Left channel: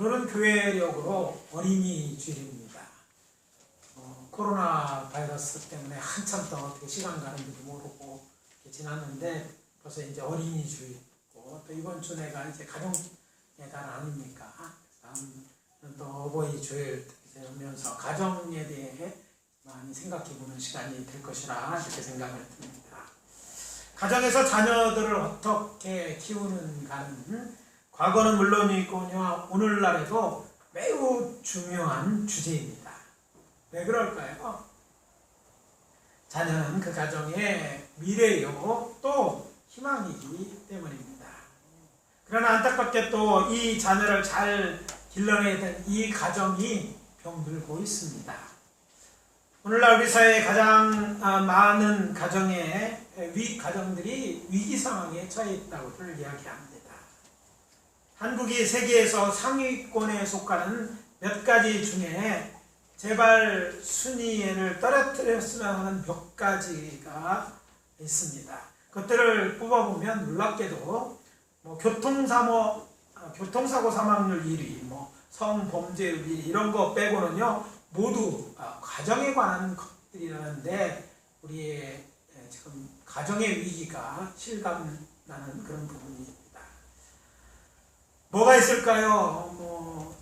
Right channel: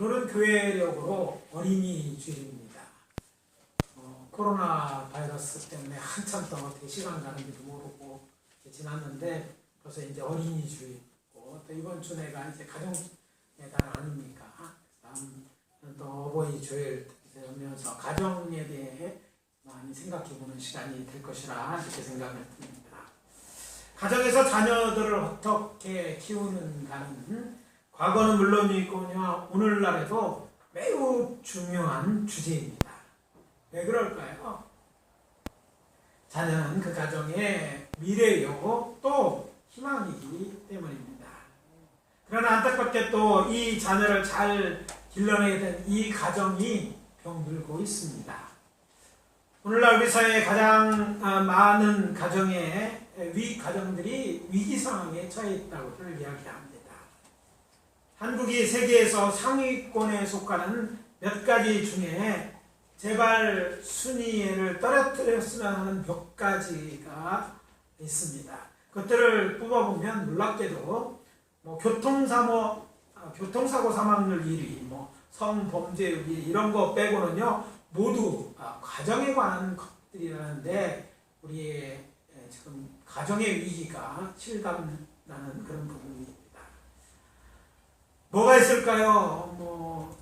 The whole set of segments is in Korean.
오늘은 교회력으로 어린이 주일입니다. 코로나 바이러스 때문에 한참 동안 어떻게 시간 가는 줄도 모르고 지났는데 벌써 이제 어린이 주일이고 또 이번 주내가 이제 가정의 달 아닙니까? 다음은 또 어버이 주일 되면서 가정에 대해 많이 생각해보는 시간이 될 것이라 이렇게 생각을 듭니다. 가정에서 자녀들을 어떻게 키우는가는 과거는 물론이거니와 오늘날에도 매우 중요한 주제입니다. 왜 그럴까요? 자녀는 그 가정의 미래요 또 희망이기 때문입니다. 그러나 안타깝게 또 이 자녀를 잘 길러내야 되는 이 가정이 병들고 있습니다. 오늘날 우리 사회에 가장 많은 가정들이 위기 상황에 처해 있다고를 이야기합니다. 한국이 세계에서 상위권에 속하는 몇 가지 중에 제발 순위를 떨어뜨렸으면 하는 몇 가지가 있습니다. 그것들을 뽑아보면 놀랍게도 교통사고 사망률 1위, 성범죄율 1위 이런 거 빼고는요 모두 가정에 관한 것들이라는데 우리의 지금 가정의 위기가 실감나는 그런 부분입니다. 뭐가 있을까요?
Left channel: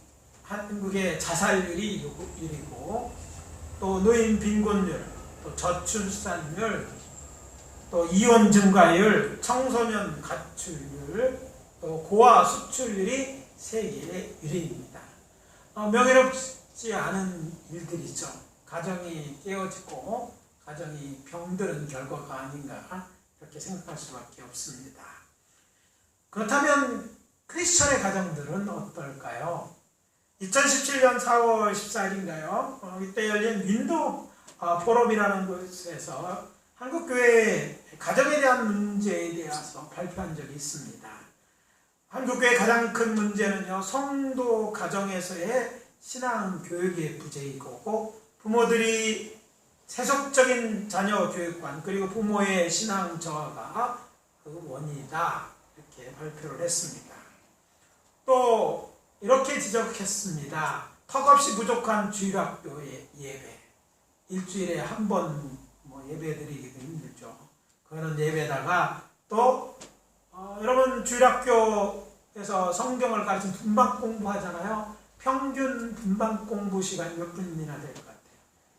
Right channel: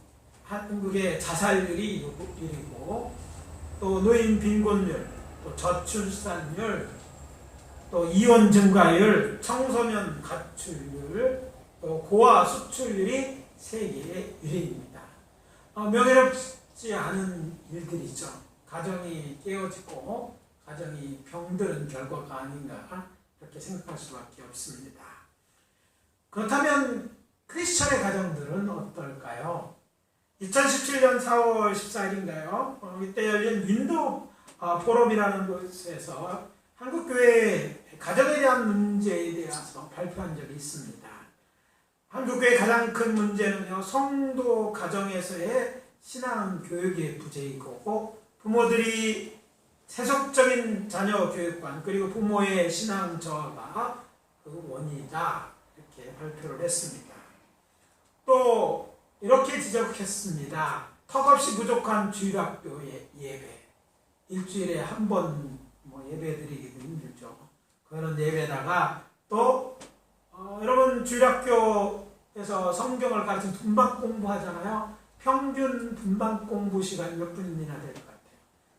한국의 자살률이 1위고 또 노인 빈곤율, 또 저출산율, 또 이혼 증가율, 청소년 가출률, 또 고아 수출률이 세계 1위입니다. 명예롭지 않은 일들이죠. 가정이 깨어지고 가정이 병드는 결과가 아닌가 이렇게 생각할 수밖에 없습니다. 그렇다면 크리스천의 가정들은 어떨까요? 2017년 4월 14일인가요? 이때 열린 윈도 포럼이라는 곳에서 한국교회의 가정에 대한 문제에 대해서 발표한 적이 있습니다. 한국교회의 가장 큰 문제는요, 성도 가정에서의 신앙 교육의 부재이고 부모들이 세속적인 자녀 교육관 그리고 부모의 신앙 저하가 그 원인이다 이렇게 발표를 했습니다. 또 이렇게 지적했습니다. 턱없이 부족한 주일학교의 예배. 일주일에 한 번 예배 드리기도 힘들죠. 그거는 예배다가 또 여러분 주일학교에서 성경을 가르치는 분반 공부하잖아요. 평균 분반 공부 시간이 몇 분이나 될 것 같아요?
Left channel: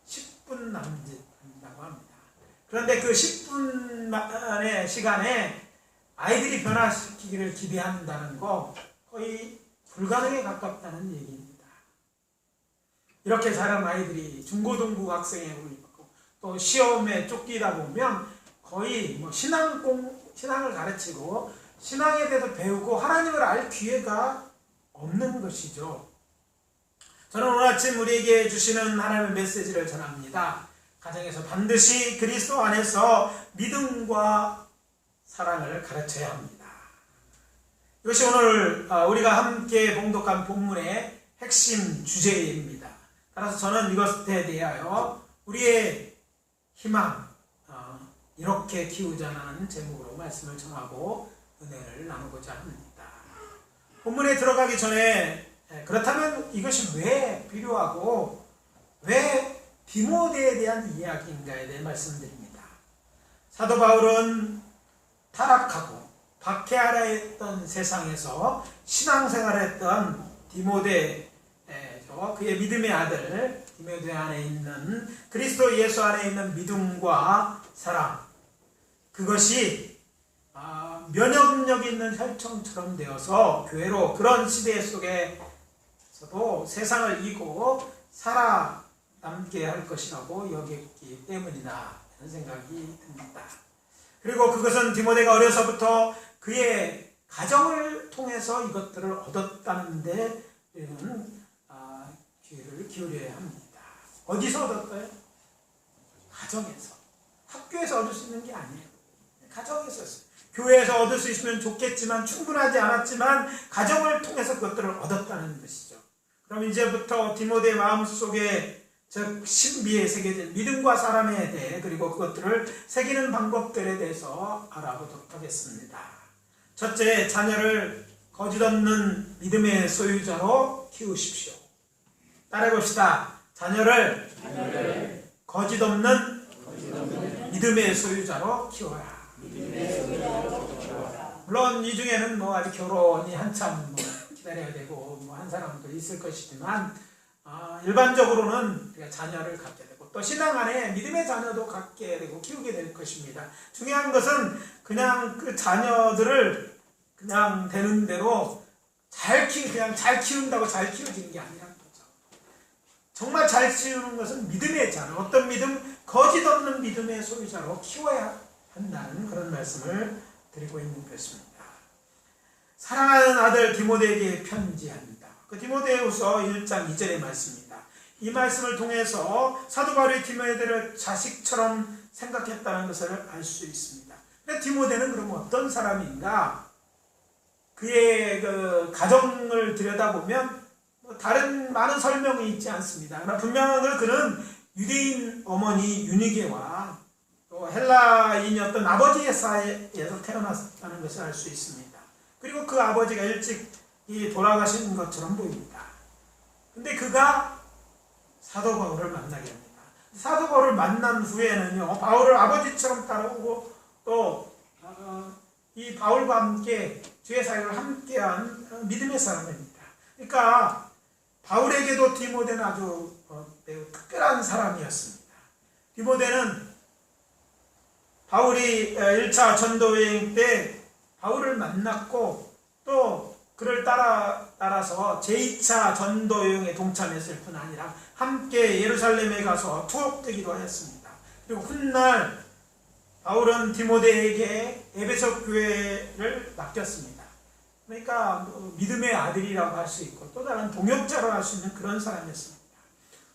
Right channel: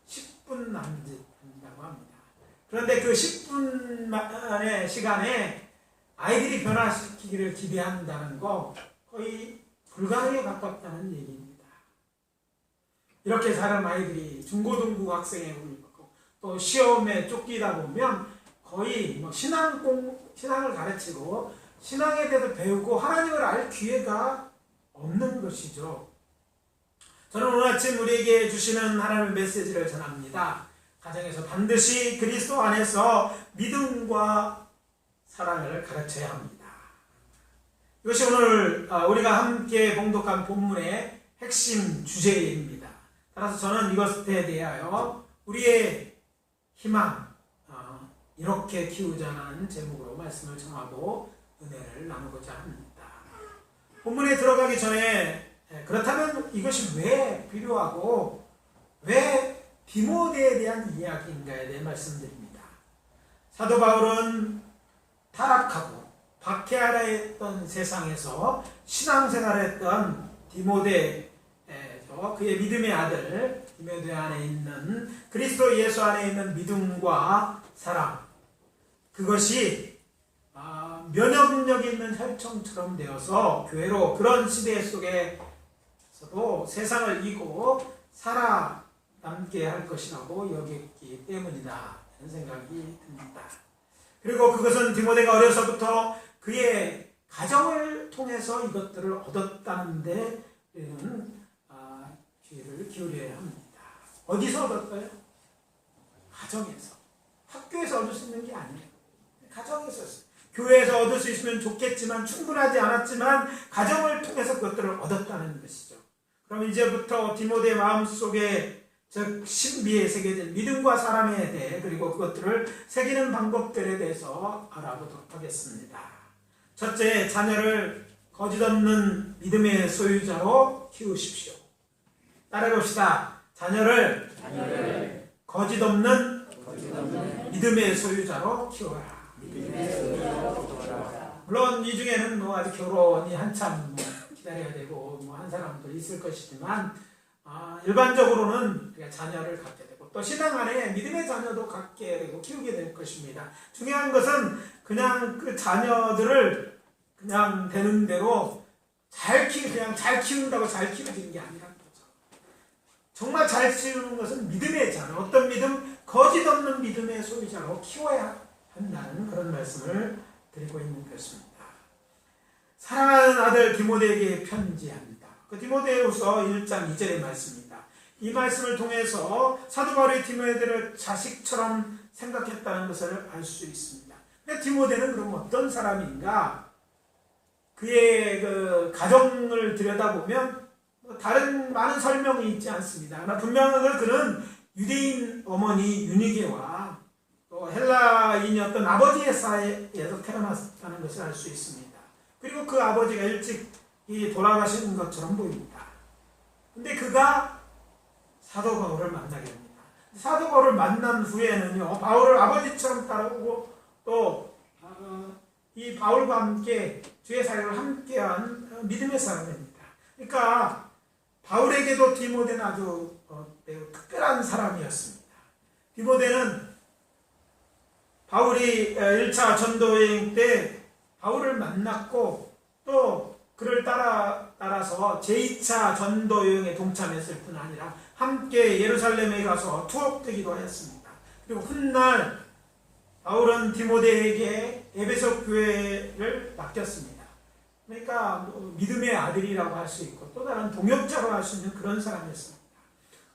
10분 남짓 한다고 합니다. 그런데 그 10분만의 시간에 아이들이 변화시키기를 기대한다는 거 거의 불가능에 가깝다는 얘기입니다. 이렇게 자란 아이들이 중고등부 학생에 오르고 또 시험에 쫓기다 보면 거의 신앙을 가르치고 신앙에 대해서 배우고 하나님을 알 기회가 없는 것이죠. 저는 오늘 아침 우리에게 주시는 하나님의 메시지를 전합니다. 가정에서 반드시 그리스도 안에서 믿음과 사랑을 가르쳐야 합니다. 이것이 오늘 우리가 함께 봉독한 본문의 핵심 주제입니다. 따라서 저는 이것에 대하여 우리의 희망 이렇게 키우자는 제목으로 말씀을 전하고 은혜를 나누고자 합니다. 본문에 들어가기 전에 그렇다면 이것이 왜 필요하고 왜 디모데에 대한 이야기인가에 대해 말씀드립니다. 사도 바울은 타락하고 박해하라 했던 세상에서 신앙생활했던 디모데, 그의 믿음의 아들 디모데 안에 있는 그리스도 예수 안에 있는 믿음과 사랑, 그것이 면역력 있는 혈청처럼 되어서 교회로 그런 시대 속에서도 세상을 이기고 살아남게 할 것이라고 여겼기 때문이다 이런 생각이 듭니다. 그리고 그것은 디모데가 어려서부터 그의 가정을 통해서 이것들을 얻었다는 데는 귀를 기울여야 합니다. 어디서 얻었어요? 가정에서. 학교에서 얻을 수 있는 게 아니에요. 가정에서. 교회에서 얻을 수 있으면 좋겠지만 충분하지 않았지만 가정을 통해서 그것들을 얻었다는 것이죠. 그럼 이제부터 디모데의 마음속에 즉 신비에 새겨진 믿음과 사랑에 대해 그리고 그것들을 새기는 방법들에 대해서 알아보도록 하겠습니다. 첫째, 자녀를 거짓없는 믿음의 소유자로 키우십시오. 따라해봅시다. 자녀를 거짓없는 믿음의 소유자로 키워라. 물론 이 중에는 뭐 아직 결혼이 한참 기다려야 되고 한 사람도 있을 것이지만 일반적으로는 우리가 자녀를 갖게 되고 또 신앙 안에 믿음의 자녀도 갖게 되고 키우게 될 것입니다. 중요한 것은 그냥 그 자녀들을 그냥 되는 대로 그냥 잘 키운다고 잘 키워지는 게 아니라는 거죠. 정말 잘 키우는 것은 믿음의 자녀, 어떤 믿음? 거짓없는 믿음의 소유자로 키워야 한다는 그런 말씀을 드리고 있는 것입니다. 사랑하는 아들 디모데에게 편지합니다. 그 디모데후서 1장 2절의 말씀입니다. 이 말씀을 통해서 사도 바울이 디모데를 자식처럼 생각했다는 것을 알 수 있습니다. 디모데는 그럼 어떤 사람인가? 그의 그 가정을 들여다보면 다른 많은 설명이 있지 않습니다. 그러나 분명한 건 그는 유대인 어머니 유니게와 또 헬라인이었던 아버지의 사이에서 태어났다는 것을 알 수 있습니다. 그리고 그 아버지가 일찍 돌아가시는 것처럼 보입니다. 근데 그가 사도 바울을 만나게 됩니다. 사도 바울을 만난 후에는요, 바울을 아버지처럼 따라오고 또 이 바울과 함께 주의 사역을 함께한 믿음의 사람입니다. 그러니까 바울에게도 디모데는 아주 매우 특별한 사람이었습니다. 디모데는 바울이 1차 전도여행 때 바울을 만났고 또 그를 따라서 제2차 전도여행에 동참했을 뿐 아니라 함께 예루살렘에 가서 투옥되기도 했습니다. 그리고 훗날 바울은 디모데에게 에베소 교회를 맡겼습니다. 그러니까 믿음의 아들이라고 할 수 있고 또 다른 동역자로 할 수 있는 그런 사람이었습니다.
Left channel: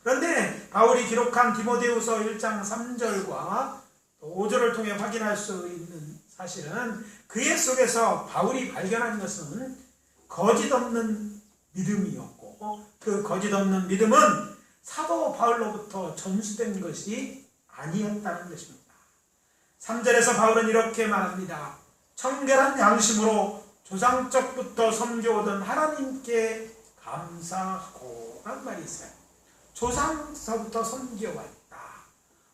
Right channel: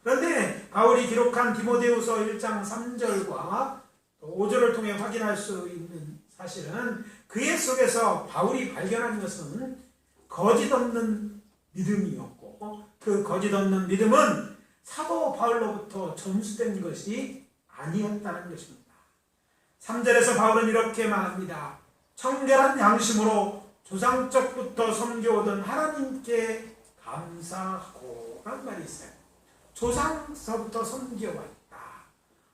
그런데 바울이 기록한 디모데후서 1장 3절과 5절을 통해 확인할 수 있는 사실은 그의 속에서 바울이 발견한 것은 거짓없는 믿음이었고 그 거짓없는 믿음은 사도 바울로부터 전수된 것이 아니었다는 것입니다. 3절에서 바울은 이렇게 말합니다. 청결한 양심으로 조상적부터 섬겨오던 하나님께 감사하고 라는 말이 있어요. 조상서부터 섬겨왔다.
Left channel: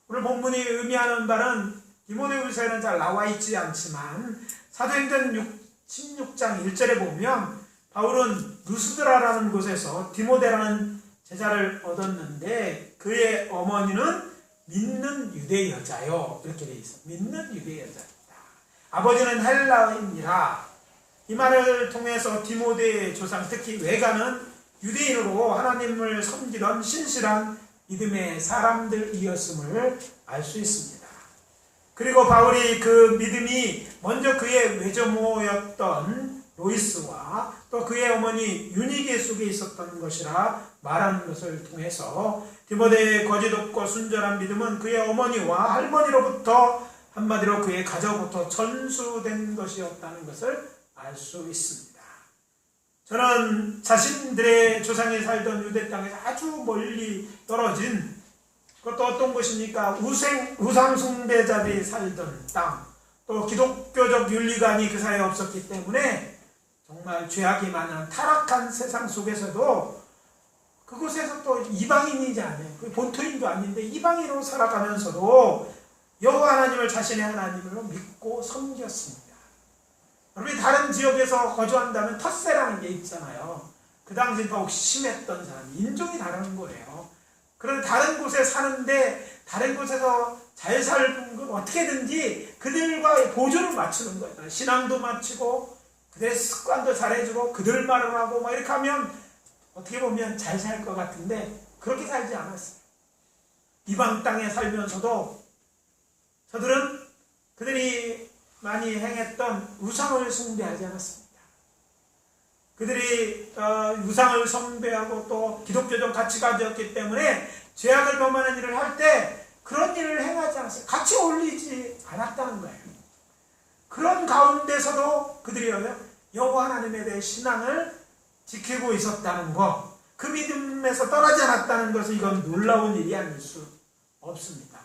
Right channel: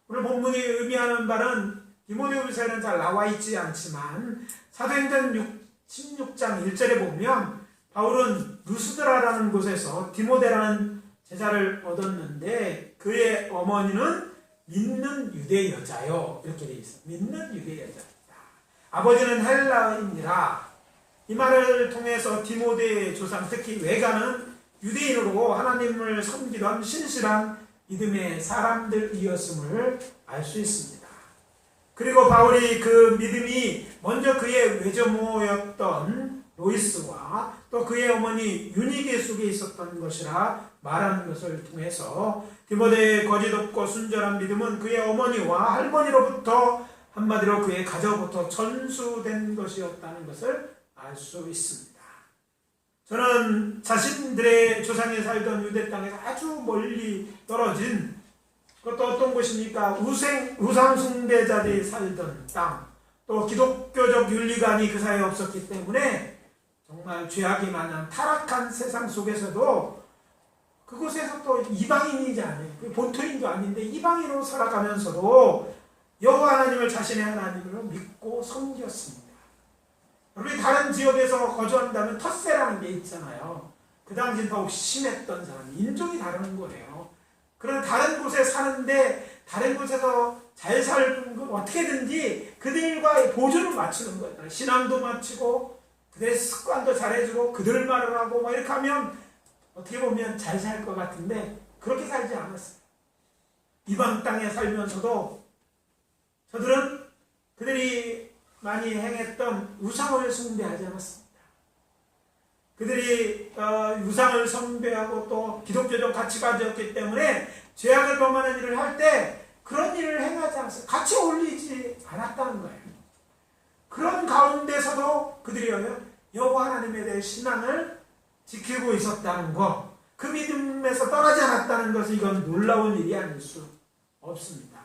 오늘 본문이 의미하는 바는 디모데후서에는 잘 나와 있지 않지만 사도행전 16장 1절에 보면 바울은 루스드라라는 곳에서 디모데라는 제자를 얻었는데 그의 어머니는 믿는 유대 여자요. 이렇게 되어 있어요. 믿는 유대 여자입니다. 아버지는 헬라인이라. 이 말을 통해서 디모데의 조상, 특히 외가는 유대인으로 하나님을 섬기던 신실한 믿음의 사람들이었음을 알 수 있습니다. 그리고 바울이 그 믿음이 먼저 그의 외조모였던 로이스와 또 그의 어머니 유니게 속에 있었던 것이라 말하는 것을 통해서 디모데의 거짓없고 순전한 믿음은 그의 어머니와 할머니로부터 한마디로 그의 가정부터 전수된 것이었다는 것을 알 수 있습니다. 저는 자신들의 조상이 살던 유대 땅에서 아주 멀리 떨어진 그것도 어떤 곳입니까? 우상 숭배자들이 살던 땅, 또 기독교적 윤리관이 그 사이에 없었기 때문에 정말 죄악이 많은 타락한 세상 속에서도 그곳에서 또 이방인이잖아요. 본토인도 아닌데 이방인으로 살아가면서도 여호와 하나님을 자신의 하나님으로 믿고 섬겼습니다. 우리 다른 지역에서 거주한다면 텃세라는 게 있잖아요. 그 당시 더욱 심했던 사람, 인종이 다른 거예요. 그런데 다른 곳에 사는데 다른 곳에서 잘 살던 건 어떻게든지 그들과의 보조를 맞추는 거예요. 신앙도 맞추고 그들의 습관도 잘해주고 그들 말을 하고 막 이렇게 하면 어떻게 보면 잘 살 것 같은데 그렇게 살지 않았어요. 이방 땅에 살면서도 저들은 그들이 많이 행했던 우상을 숭배하지 않았습니다. 그들이 우상을 숭배하고 또 기독교적 가치관이었기 때문에 죄악을 범하는 일을 할 때 그런 일을 행하지 않았어요. 같이 어울리지 않았다는 거예요. 그런 가운데서도 그들이 여호와 하나님에 대해 신앙을 지키고 있었다는 것, 그 믿음에서 떠나지 않았다는 것은 이건 놀라운 일이 아닐 수 없습니다.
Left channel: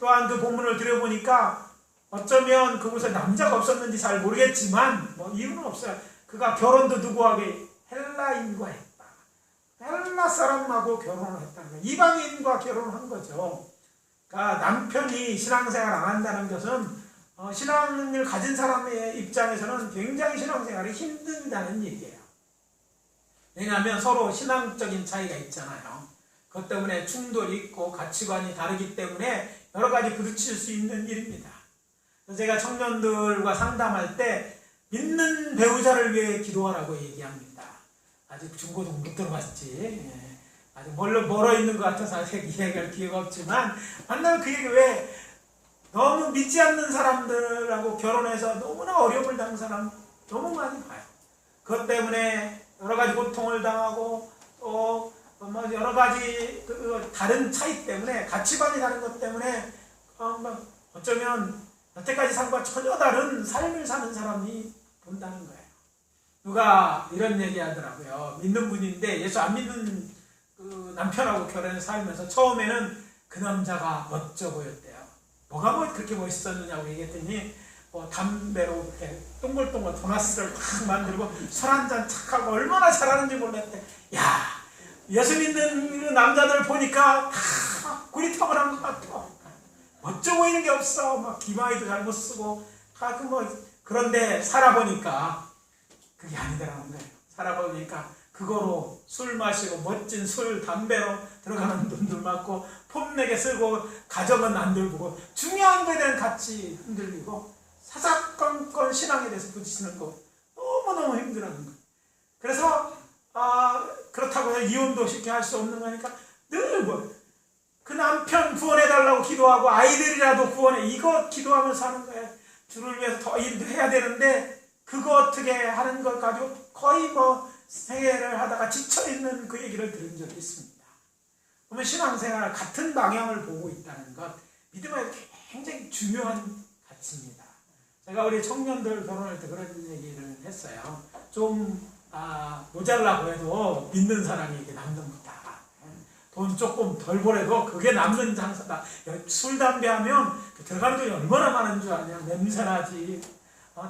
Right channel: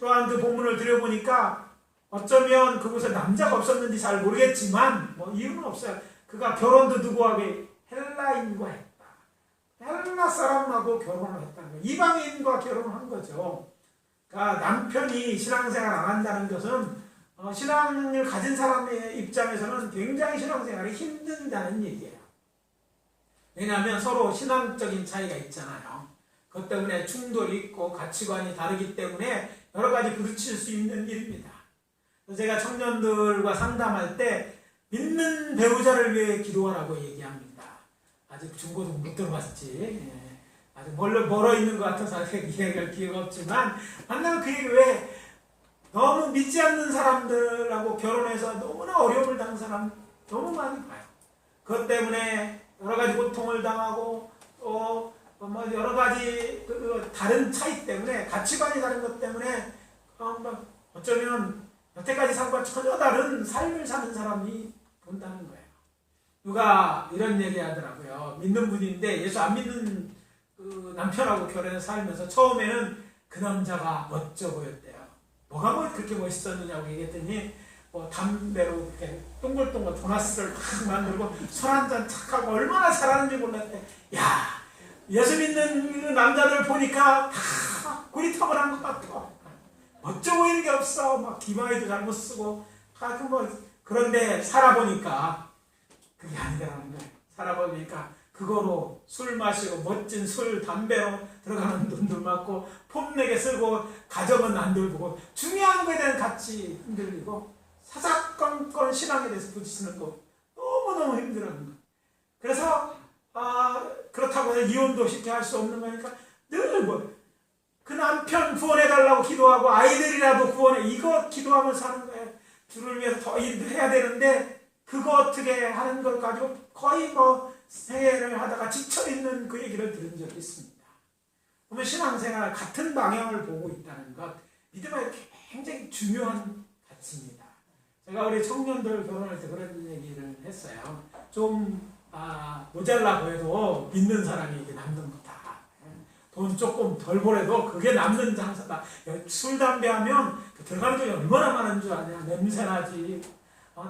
또한 그 본문을 들여보니까 어쩌면 그곳에 남자가 없었는지 잘 모르겠지만 뭐 이유는 없어요. 그가 결혼도 누구하고 헬라인과 했다. 헬라 사람하고 결혼을 했다는 거예요. 이방인과 결혼한 거죠. 그러니까 남편이 신앙생활 안 한다는 것은 신앙을 가진 사람의 입장에서는 굉장히 신앙생활이 힘들다는 얘기예요. 왜냐하면 서로 신앙적인 차이가 있잖아요. 그것 때문에 충돌이 있고 가치관이 다르기 때문에 여러 가지 부딪힐 수 있는 일입니다. 제가 청년들과 상담할 때 믿는 배우자를 위해 기도하라고 얘기합니다. 아직 중고등 못 들어봤지. 아직 멀어 있는 것 같아서 아직 이야기할 기회가 없지만 만날 그 얘기 왜 너무 믿지 않는 사람들하고 결혼해서 너무나 어려움을 당한 사람 너무 많이 봐요. 그것 때문에 여러 가지 고통을 당하고 또 뭐 여러 가지 다른 차이 때문에 가치관이 다른 것 때문에 어쩌면 여태까지 산 것과 전혀 다른 삶을 사는 사람이 본다는 거예요. 누가 이런 얘기 하더라고요. 믿는 분인데 예수 안 믿는 그 남편하고 결혼해서 살면서 처음에는 그 남자가 멋져 보였대요. 뭐가 뭐 그렇게 멋있었느냐고 얘기했더니 담배로 이렇게 동글동글 도나스를 탁 만들고 술 한잔 착하고 얼마나 잘하는지 몰랐대. 야, 예수 믿는 남자들 보니까 다 구리터벌한 것 같아. 멋져 보이는 게 없어. 막 기마이도 잘못 쓰고 그런데 살아보니까 그게 아니더라는 거예요. 살아보니까 그거로 술 마시고 멋진 술, 담배로 들어가는 돈들 많고 폼내게 쓰고 가정은 안 돌보고 중요한 거에 대한 가치 흔들리고 사사건건 신앙에 대해서 부딪히는 거 너무너무 힘들어하는 거예요. 그래서 그렇다고 해서 이혼도 쉽게 할 수 없는 거니까 늘 그 남편 구원해달라고 기도하고 아이들이라도 구원해 이거 기도하면서 사는 거예요. 주를 위해서 더 일해야 되는데 그거 어떻게 하는 걸 가지고 거의 생애를 하다가 지쳐있는 그 얘기를 들은 적이 있습니다. 그러면 신앙생활 같은 방향을 보고 있다는 것 믿음의 굉장히 중요한 가치입니다. 제가 우리 청년들 결혼할 때 그런 얘기를 했어요. 좀 모자라고 해도 믿는 사람이 이게 남는 거다. 돈 조금 덜 벌어도 그게 남는 장사다. 술, 담배 하면 들어가는 돈이 얼마나 많은 줄 아냐. 냄새나지.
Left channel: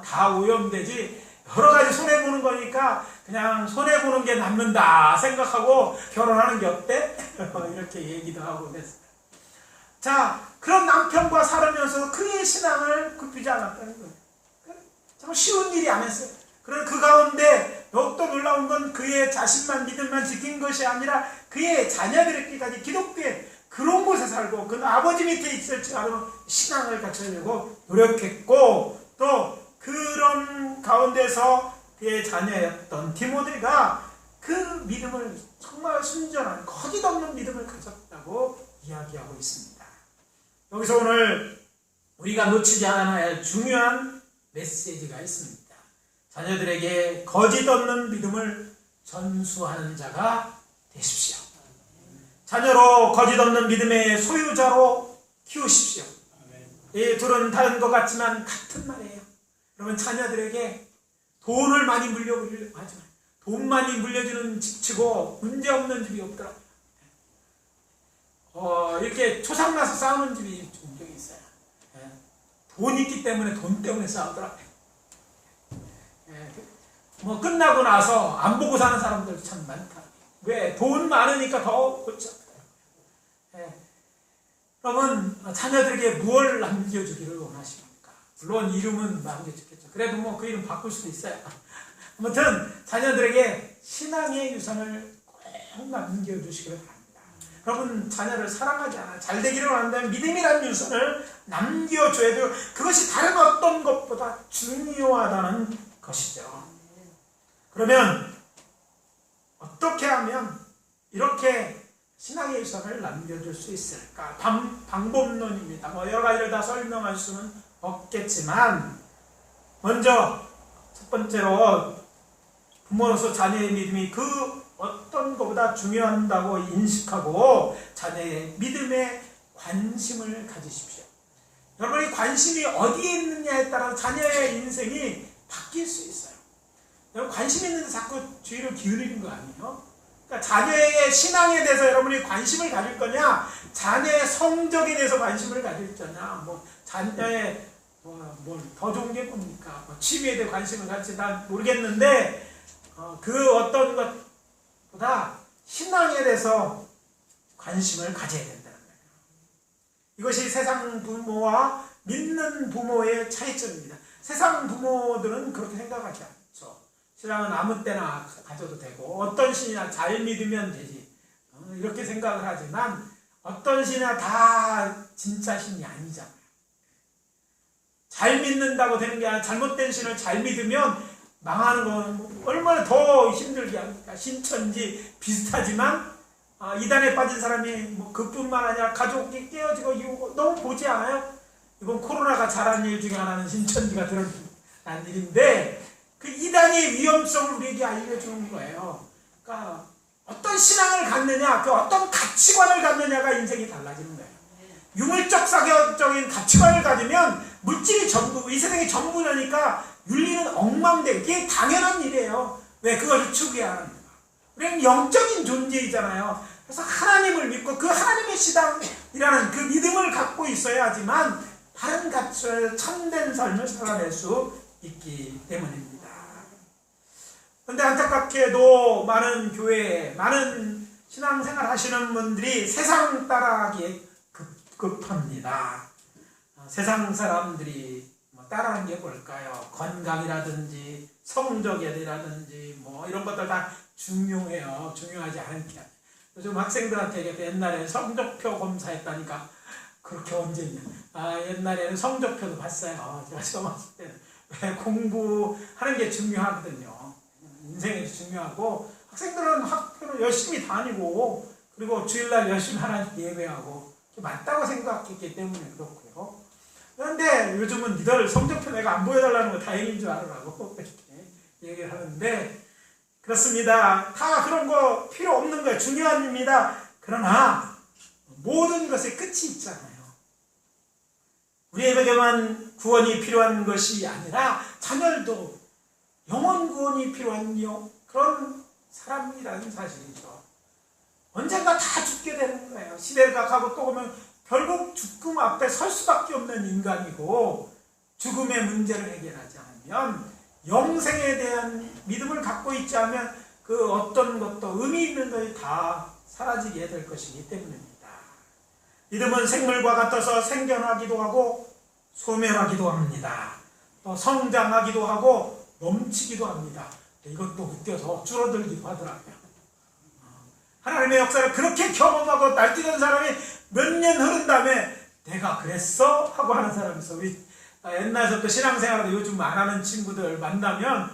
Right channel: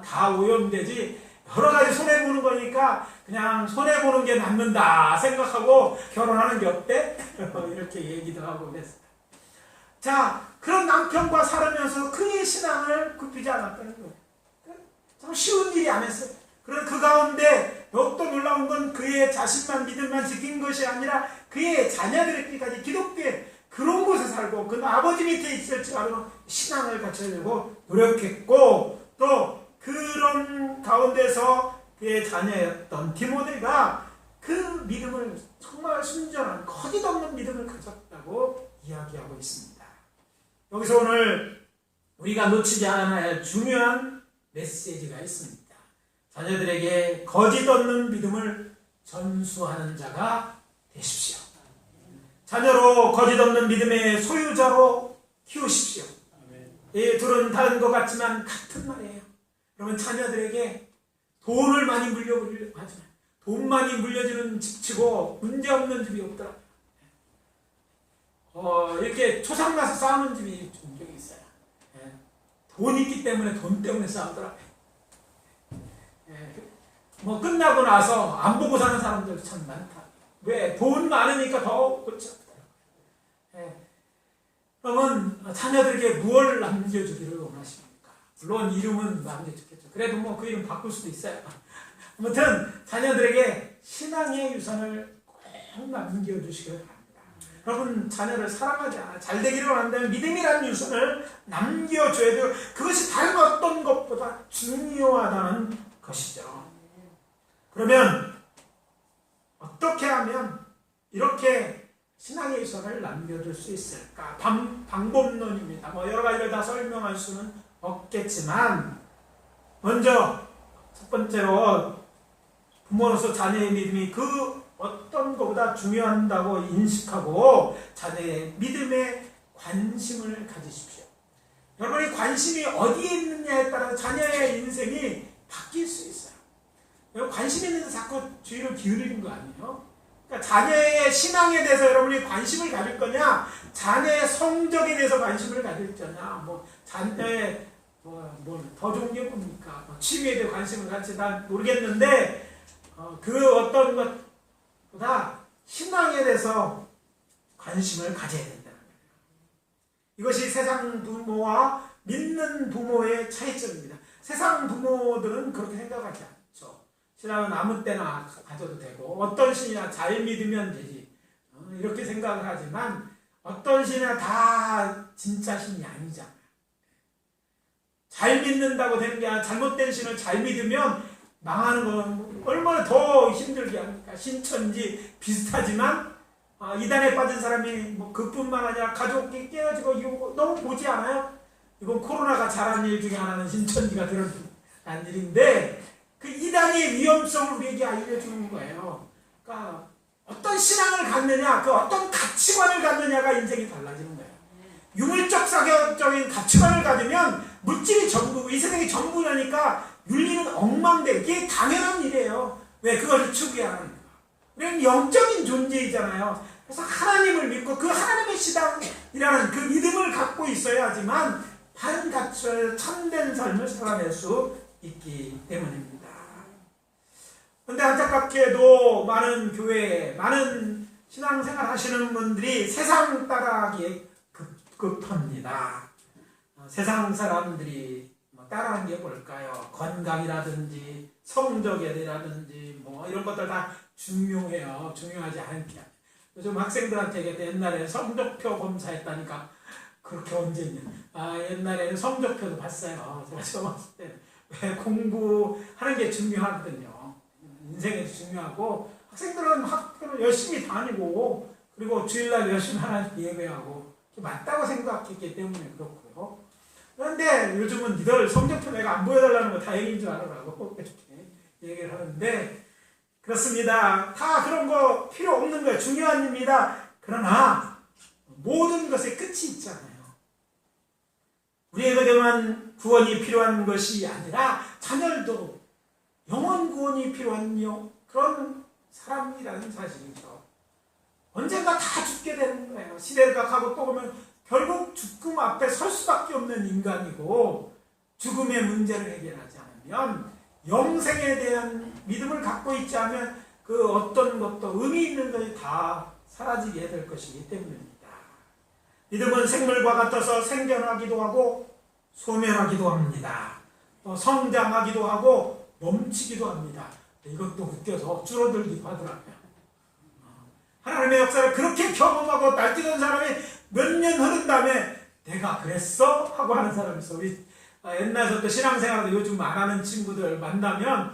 다 오염되지. 여러 가지 손해보는 거니까 그냥 손해보는 게 남는다 생각하고 결혼하는 게 어때? 이렇게 얘기도 하고 그랬어요. 자, 그런 남편과 살으면서 그의 신앙을 굽히지 않았다는 거예요. 참 쉬운 일이 아니었어요. 그런 그 가운데 더욱더 놀라운 건 그의 자신만 믿음만 지킨 것이 아니라 그의 자녀들에게까지 기독교에 그런 곳에 살고 그 아버지 밑에 있을지라도 신앙을 갖추려고 노력했고 또 그런 가운데서 그의 자녀였던 디모데가 그 믿음을 정말 순전한 거짓없는 믿음을 가졌다고 이야기하고 있습니다. 여기서 오늘 우리가 놓치지 않아야 할 중요한 메시지가 있습니다. 자녀들에게 거짓없는 믿음을 전수하는 자가 되십시오. 자녀로 거짓없는 믿음의 소유자로 키우십시오. 이 둘은 다른 것 같지만 같은 말이에요. 여러분 자녀들에게 돈을 많이 물려주려고 하지 마요. 돈 많이 물려주는 집치고 문제없는 집이 없더라. 이렇게 초상나서 싸우는 집이 종종 있어요. 돈 있기 때문에 돈 때문에 싸우더라. 끝나고 나서 안 보고 사는 사람들 참 많다. 왜? 돈 많으니까 더 그렇죠. 여러분 자녀들에게 무엇을 남겨주기를 원하십니까? 물론 이름은 남겨주겠죠. 그래도 그 이름 바꿀 수도 있어요. 아무튼 자녀들에게 신앙의 유산을 꼭 남겨주시기를 바랍니다. 여러분 자녀를 사랑하자 잘 되기를 원한다면 믿음이라는 유산을 남겨줘야 돼요. 그것이 다른 어떤 것보다 중요하다는 것이죠. 그러면 어떻게 하면 이렇게 신앙의 유산을 남겨줄 수 있을까? 방법론입니다. 여러 가지를 다 설명할 수는 없겠지만 먼저 첫 번째로 부모로서 자녀의 믿음이 그 어떤 것보다 중요하다고 인식하고 자녀의 믿음에 관심을 가지십시오. 여러분이 관심이 어디에 있느냐에 따라 자녀의 인생이 바뀔 수 있어요. 여러분 관심 있는 데 자꾸 주의를 기울이는 거 아니에요? 그러니까 자녀의 신앙에 대해서 여러분이 관심을 가질 거냐, 자녀의 성적에 대해서 관심을 가질 거냐, 자녀의 더 좋은 게 뭡니까? 취미에 대해 관심을 갖지 난 모르겠는데 그 어떤 것보다 신앙에 대해서 관심을 가져야 된다는 거예요. 이것이 세상 부모와 믿는 부모의 차이점입니다. 세상 부모들은 그렇게 생각하지 않죠. 신앙은 아무 때나 가져도 되고 어떤 신이나 잘 믿으면 되지 이렇게 생각을 하지만 어떤 신이나 다 진짜 신이 아니잖아요. 잘 믿는다고 되는 게 아니라 잘못된 신을 잘 믿으면 망하는 건 얼마나 더 힘들게 합니까? 신천지 비슷하지만 이단에 빠진 사람이 그뿐만 아니라 가족이 깨어지고 이거 너무 보지 않아요? 이건 코로나가 잘한 일 중에 하나는 신천지가 드러난 일인데 그 이단의 위험성을 우리에게 알려주는 거예요. 그러니까 어떤 신앙을 갖느냐, 그 어떤 가치관을 갖느냐가 인생이 달라지는 거예요. 유물적 사교적인 가치관을 가지면 물질이 전부고 이 세상이 전부라니까 윤리는 엉망돼. 이게 당연한 일이에요. 왜? 그것을 추구해야 하는 거예요. 우리는 영적인 존재이잖아요. 그래서 하나님을 믿고 그 하나님의 신앙이라는 그 믿음을 갖고 있어야지만 바른 가치를 참된 삶을 살아낼 수 있기 때문입니다. 그런데 안타깝게도 많은 교회에 많은 신앙생활 하시는 분들이 세상 따라하기에 급합니다. 세상 사람들이 따라하는 게 뭘까요? 건강이라든지 성적이라든지 이런 것들 다 중요해요. 중요하지 않은 게. 요즘 학생들한테 옛날에 성적표 검사했다니까 그렇게 언제 있냐. 옛날에는 성적표도 봤어요. 제가 처음 왔을 때는. 왜 공부하는 게 중요하거든요. 인생에서 중요하고 학생들은 학교를 열심히 다니고 그리고 주일날 열심히 하나님 예배하고 맞다고 생각했기 때문에 그렇고요. 그런데 요즘은 니들 성적표 내가 안 보여달라는 거 다행인 줄 알으라고 이렇게 얘기를 하는데 그렇습니다. 다 그런 거 필요 없는 거예요. 중요한 일입니다. 그러나 모든 것에 끝이 있잖아요. 우리에게만 구원이 필요한 것이 아니라 자녀들도 영원 구원이 필요한 그런 사람이라는 사실이죠. 언젠가 다 죽게 되는 거예요. 시대가 가고 또 오면 결국 죽음 앞에 설 수밖에 없는 인간이고 죽음의 문제를 해결하지 않으면 영생에 대한 믿음을 갖고 있지 않으면 그 어떤 것도 의미 있는 것이 다 사라지게 될 것이기 때문입니다. 믿음은 생물과 같아서 생겨나기도 하고 소멸하기도 합니다. 또 성장하기도 하고 넘치기도 합니다. 이것도 웃겨서 줄어들기도 하더라고요. 하나님의 역사를 그렇게 경험하고 날뛰는 사람이 몇 년 흐른 다음에 내가 그랬어? 하고 하는 사람이 있어. 우리 옛날부터 신앙생활도 요즘 안 하는 친구들 만나면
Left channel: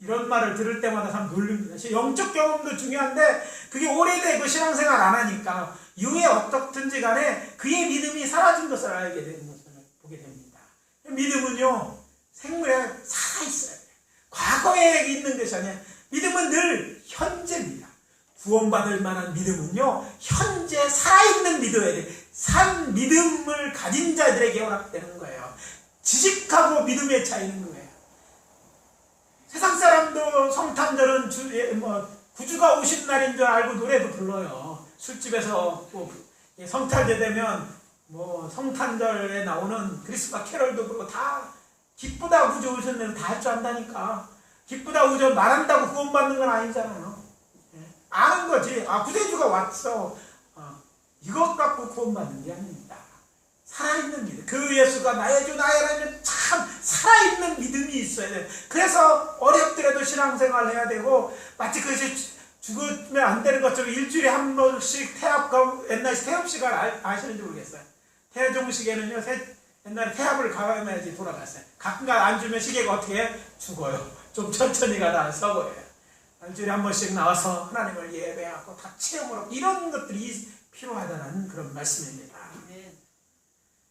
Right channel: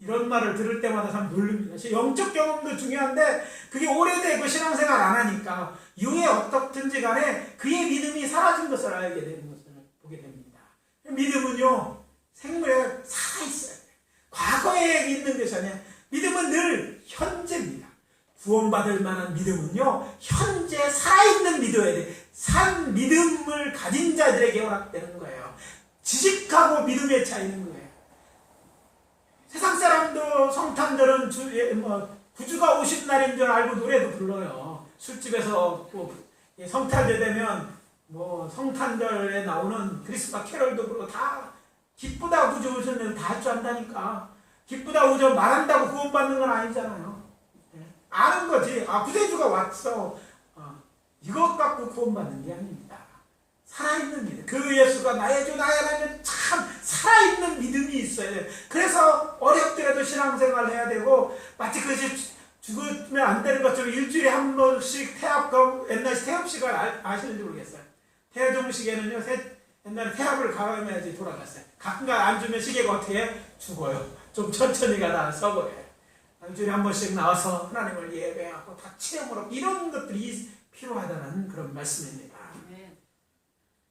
이런 말을 들을 때마다 참 놀랍니다. 영적 경험도 중요한데 그게 오래되고 신앙생활 안 하니까 이후에 어떻든지 간에 그의 믿음이 사라진 것을 알게 되는 것을 보게 됩니다. 믿음은요 생물에 살아있어요. 과거에 있는 것이 아니라 믿음은 늘 현재입니다. 구원받을 만한 믿음은요 현재 살아있는 믿어야 돼. 산 믿음을 가진 자들에게 허락되는 거예요. 지식하고 믿음의 차이는 거예요. 세상 사람도 성탄절은 구주가 오신 날인 줄 알고 노래도 불러요. 술집에서 또 성탄절 되면 성탄절에 나오는 크리스마스 캐럴도 부르고 다 기쁘다 구주 오셨는데 다 할 줄 안다니까. 기쁘다 구주 말한다고 구원받는 건 아니잖아요. 아는 거지. 구세주가 왔어. 이것 갖고 구원받는 게 아닙니다. 살아있는 믿음. 그 예수가 나의 주 나의 하나님 참 살아있는 믿음이 있어야 돼요. 그래서 어렵더라도 신앙생활을 해야 되고 마치 그것이 죽으면 안 되는 것처럼 일주일에 한 번씩 옛날에 태업식을 아시는지 모르겠어요. 태종식에는요 옛날에 태합을 가야지 돌아갔어요. 가끔가 안 주면 시계가 어떻게 해요? 죽어요. 좀 천천히 가다 써버려요. 일주일에 한 번씩 나와서 하나님을 예배하고 다 체험으로 이런 것들이 필요하다는 그런 말씀입니다.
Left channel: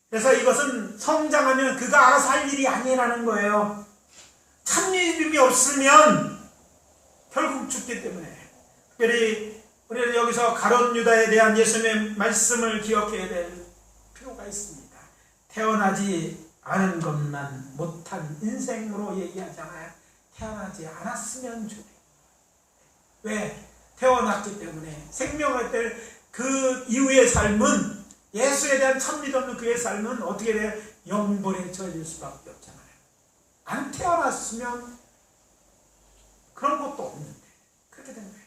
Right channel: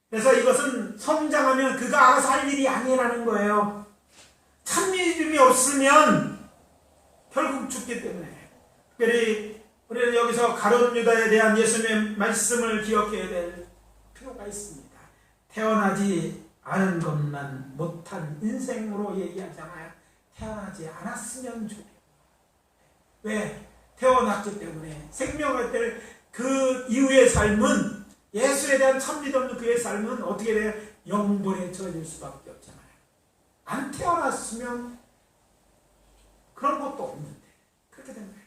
그래서 이것은 성장하면 그가 알아서 할 일이 아니라는 거예요. 참 믿음이 없으면 결국 죽기 때문에 특별히 우리는 여기서 가룟 유다에 대한 예수님의 말씀을 기억해야 될 필요가 있습니다. 태어나지 않은 것만 못한 인생으로 얘기하잖아요. 태어나지 않았으면 좋겠다. 왜? 태어났기 때문에 생명을 뗄 그 이후의 삶은 예수에 대한 참 믿음 없는 그의 삶은 어떻게 돼요? 영벌에 처해질 수밖에 없잖아요. 안 태어났으면 그런 것도 없는데 그렇게 된 거예요.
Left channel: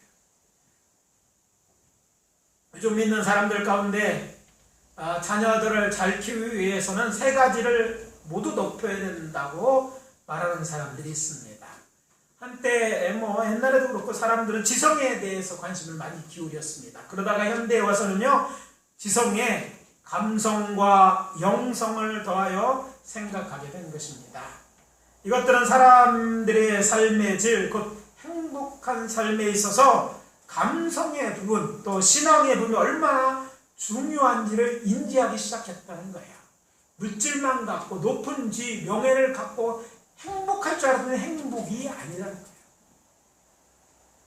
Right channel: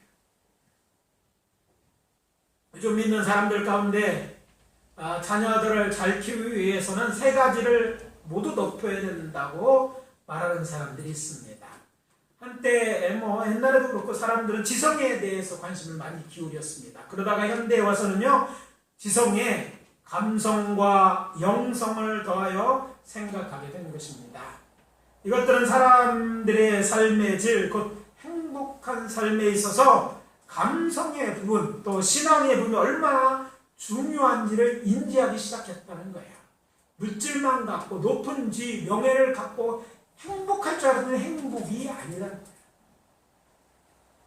요즘 믿는 사람들 가운데 자녀들을 잘 키우기 위해서는 세 가지를 모두 높여야 된다고 말하는 사람들이 있습니다. 한때 옛날에도 그렇고 사람들은 지성에 대해서 관심을 많이 기울였습니다. 그러다가 현대에 와서는요, 지성에 감성과 영성을 더하여 생각하게 된 것입니다. 이것들은 사람들의 삶의 질, 곧 행복한 삶에 있어서 감성의 부분, 또 신앙의 부분이 얼마나 중요한지를 인지하기 시작했다는 거예요. 물질만 갖고 높은 지, 명예를 갖고 행복할 줄 알았는데 행복이 아니라는 거예요.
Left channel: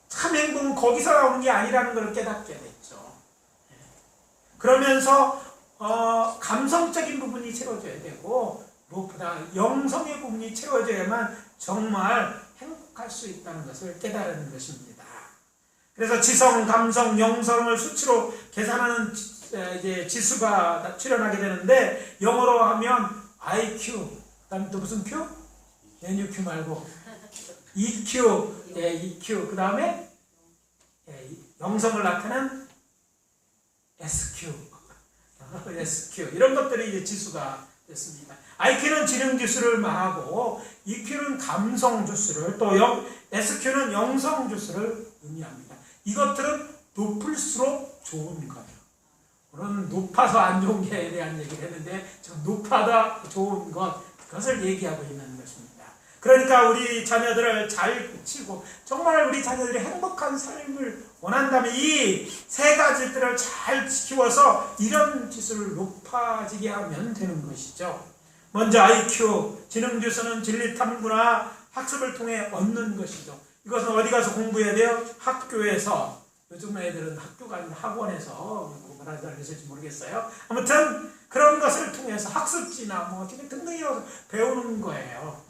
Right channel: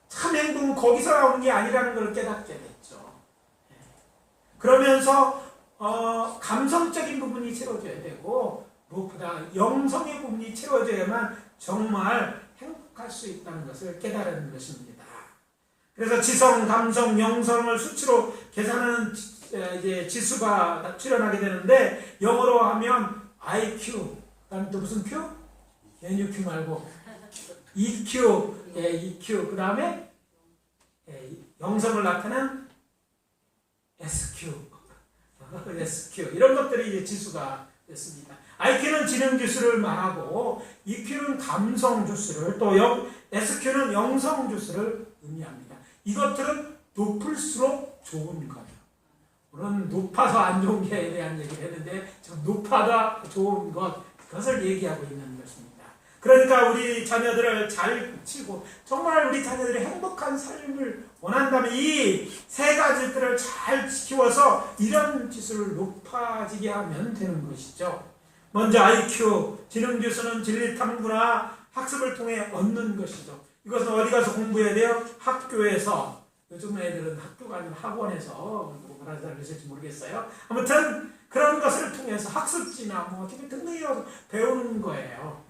참 행복은 거기서 나오는 게 아니라는 걸 깨닫게 됐죠. 그러면서 감성적인 부분이 채워져야 되고 무엇보다 영성의 부분이 채워져야만 정말 행복할 수 있다는 것을 깨달은 것입니다. 그래서 지성, 감성, 영성을 수치로 계산하는 이제 지수가 출현하게 되는데 영어로 하면 IQ, 그다음에 또 무슨 Q? NUQ 말고 EQ, EQ, 그 다음에 영성을 나타낸 SQ, SQ 이런 것들이 이제 지수가 됐습니다. IQ는 지능 지수를 말하고 EQ는 감성 지수를, 또 SQ는 영성 지수를 의미합니다. 이것들은 높을수록 좋은 거예요. 물론 높아서 안 좋은 게에 대한 얘기를 했는데 지금 높아다 좋은 것, 그것을 얘기하고 있는 것입니다. 그러니까 우리 자녀들을 잘 치고 정말 우리 자녀들이 행복한 삶을 원한다면 이 세 가지들을 잘 키워서 이런 지수를 높아지게 하면 되는 것이죠. 먼저 IQ, 지능지수는 진리탐구나 학습을 통해 얻는 것이죠. 이것은 어디 가서 공부해야 돼요? 학교에서. 요즘 애들은 학교가 아니라 학원에서 뭐라 해야 될지 모르겠어요. 아무튼 그런 것을 통해서 학습지나 등등이 배우는 거예요.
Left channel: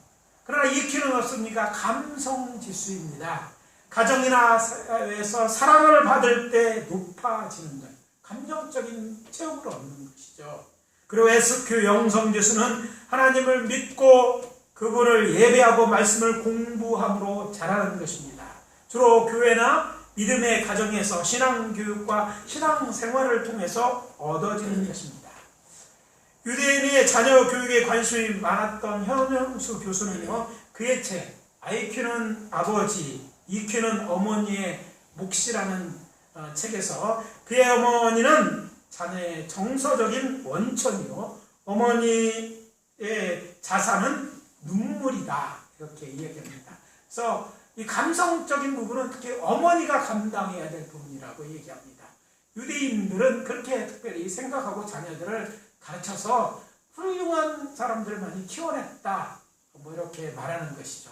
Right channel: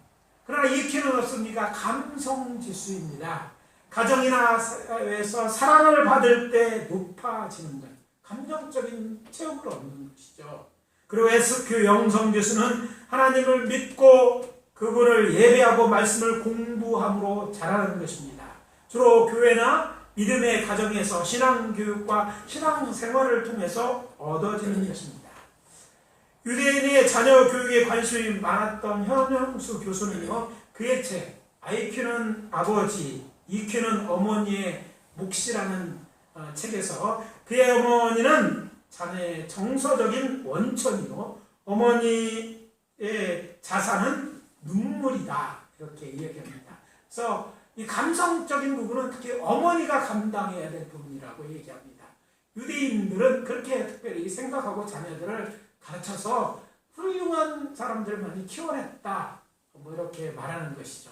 그러나 EQ는 없습니까? 감성지수입니다. 가정이나 사회에서 사랑을 받을 때 높아지는 것, 감정적인 체험을 얻는 것이죠. 그리고 SQ 영성지수는 하나님을 믿고 그분을 예배하고 말씀을 공부함으로 자라는 것입니다. 주로 교회나 믿음의 가정에서 신앙교육과 신앙생활을 통해서 얻어지는 것입니다. 유대인의 자녀 교육에 관심이 많았던 현영수 교수는요, 그의 책 IQ는 아버지, EQ는 어머니의 몫이라는 책에서 그의 어머니는 자녀의 정서적인 원천이요, 어머니의 자산은 눈물이다, 이렇게 이야기합니다. 그래서 이 감성적인 부분은 특히 어머니가 감당해야 될 부분이라고 얘기합니다. 유대인들은 그렇게 특별히 생각하고 자녀들을 가르쳐서 훌륭한 사람들을 많이 키워냈다, 이렇게 말하는 것이죠.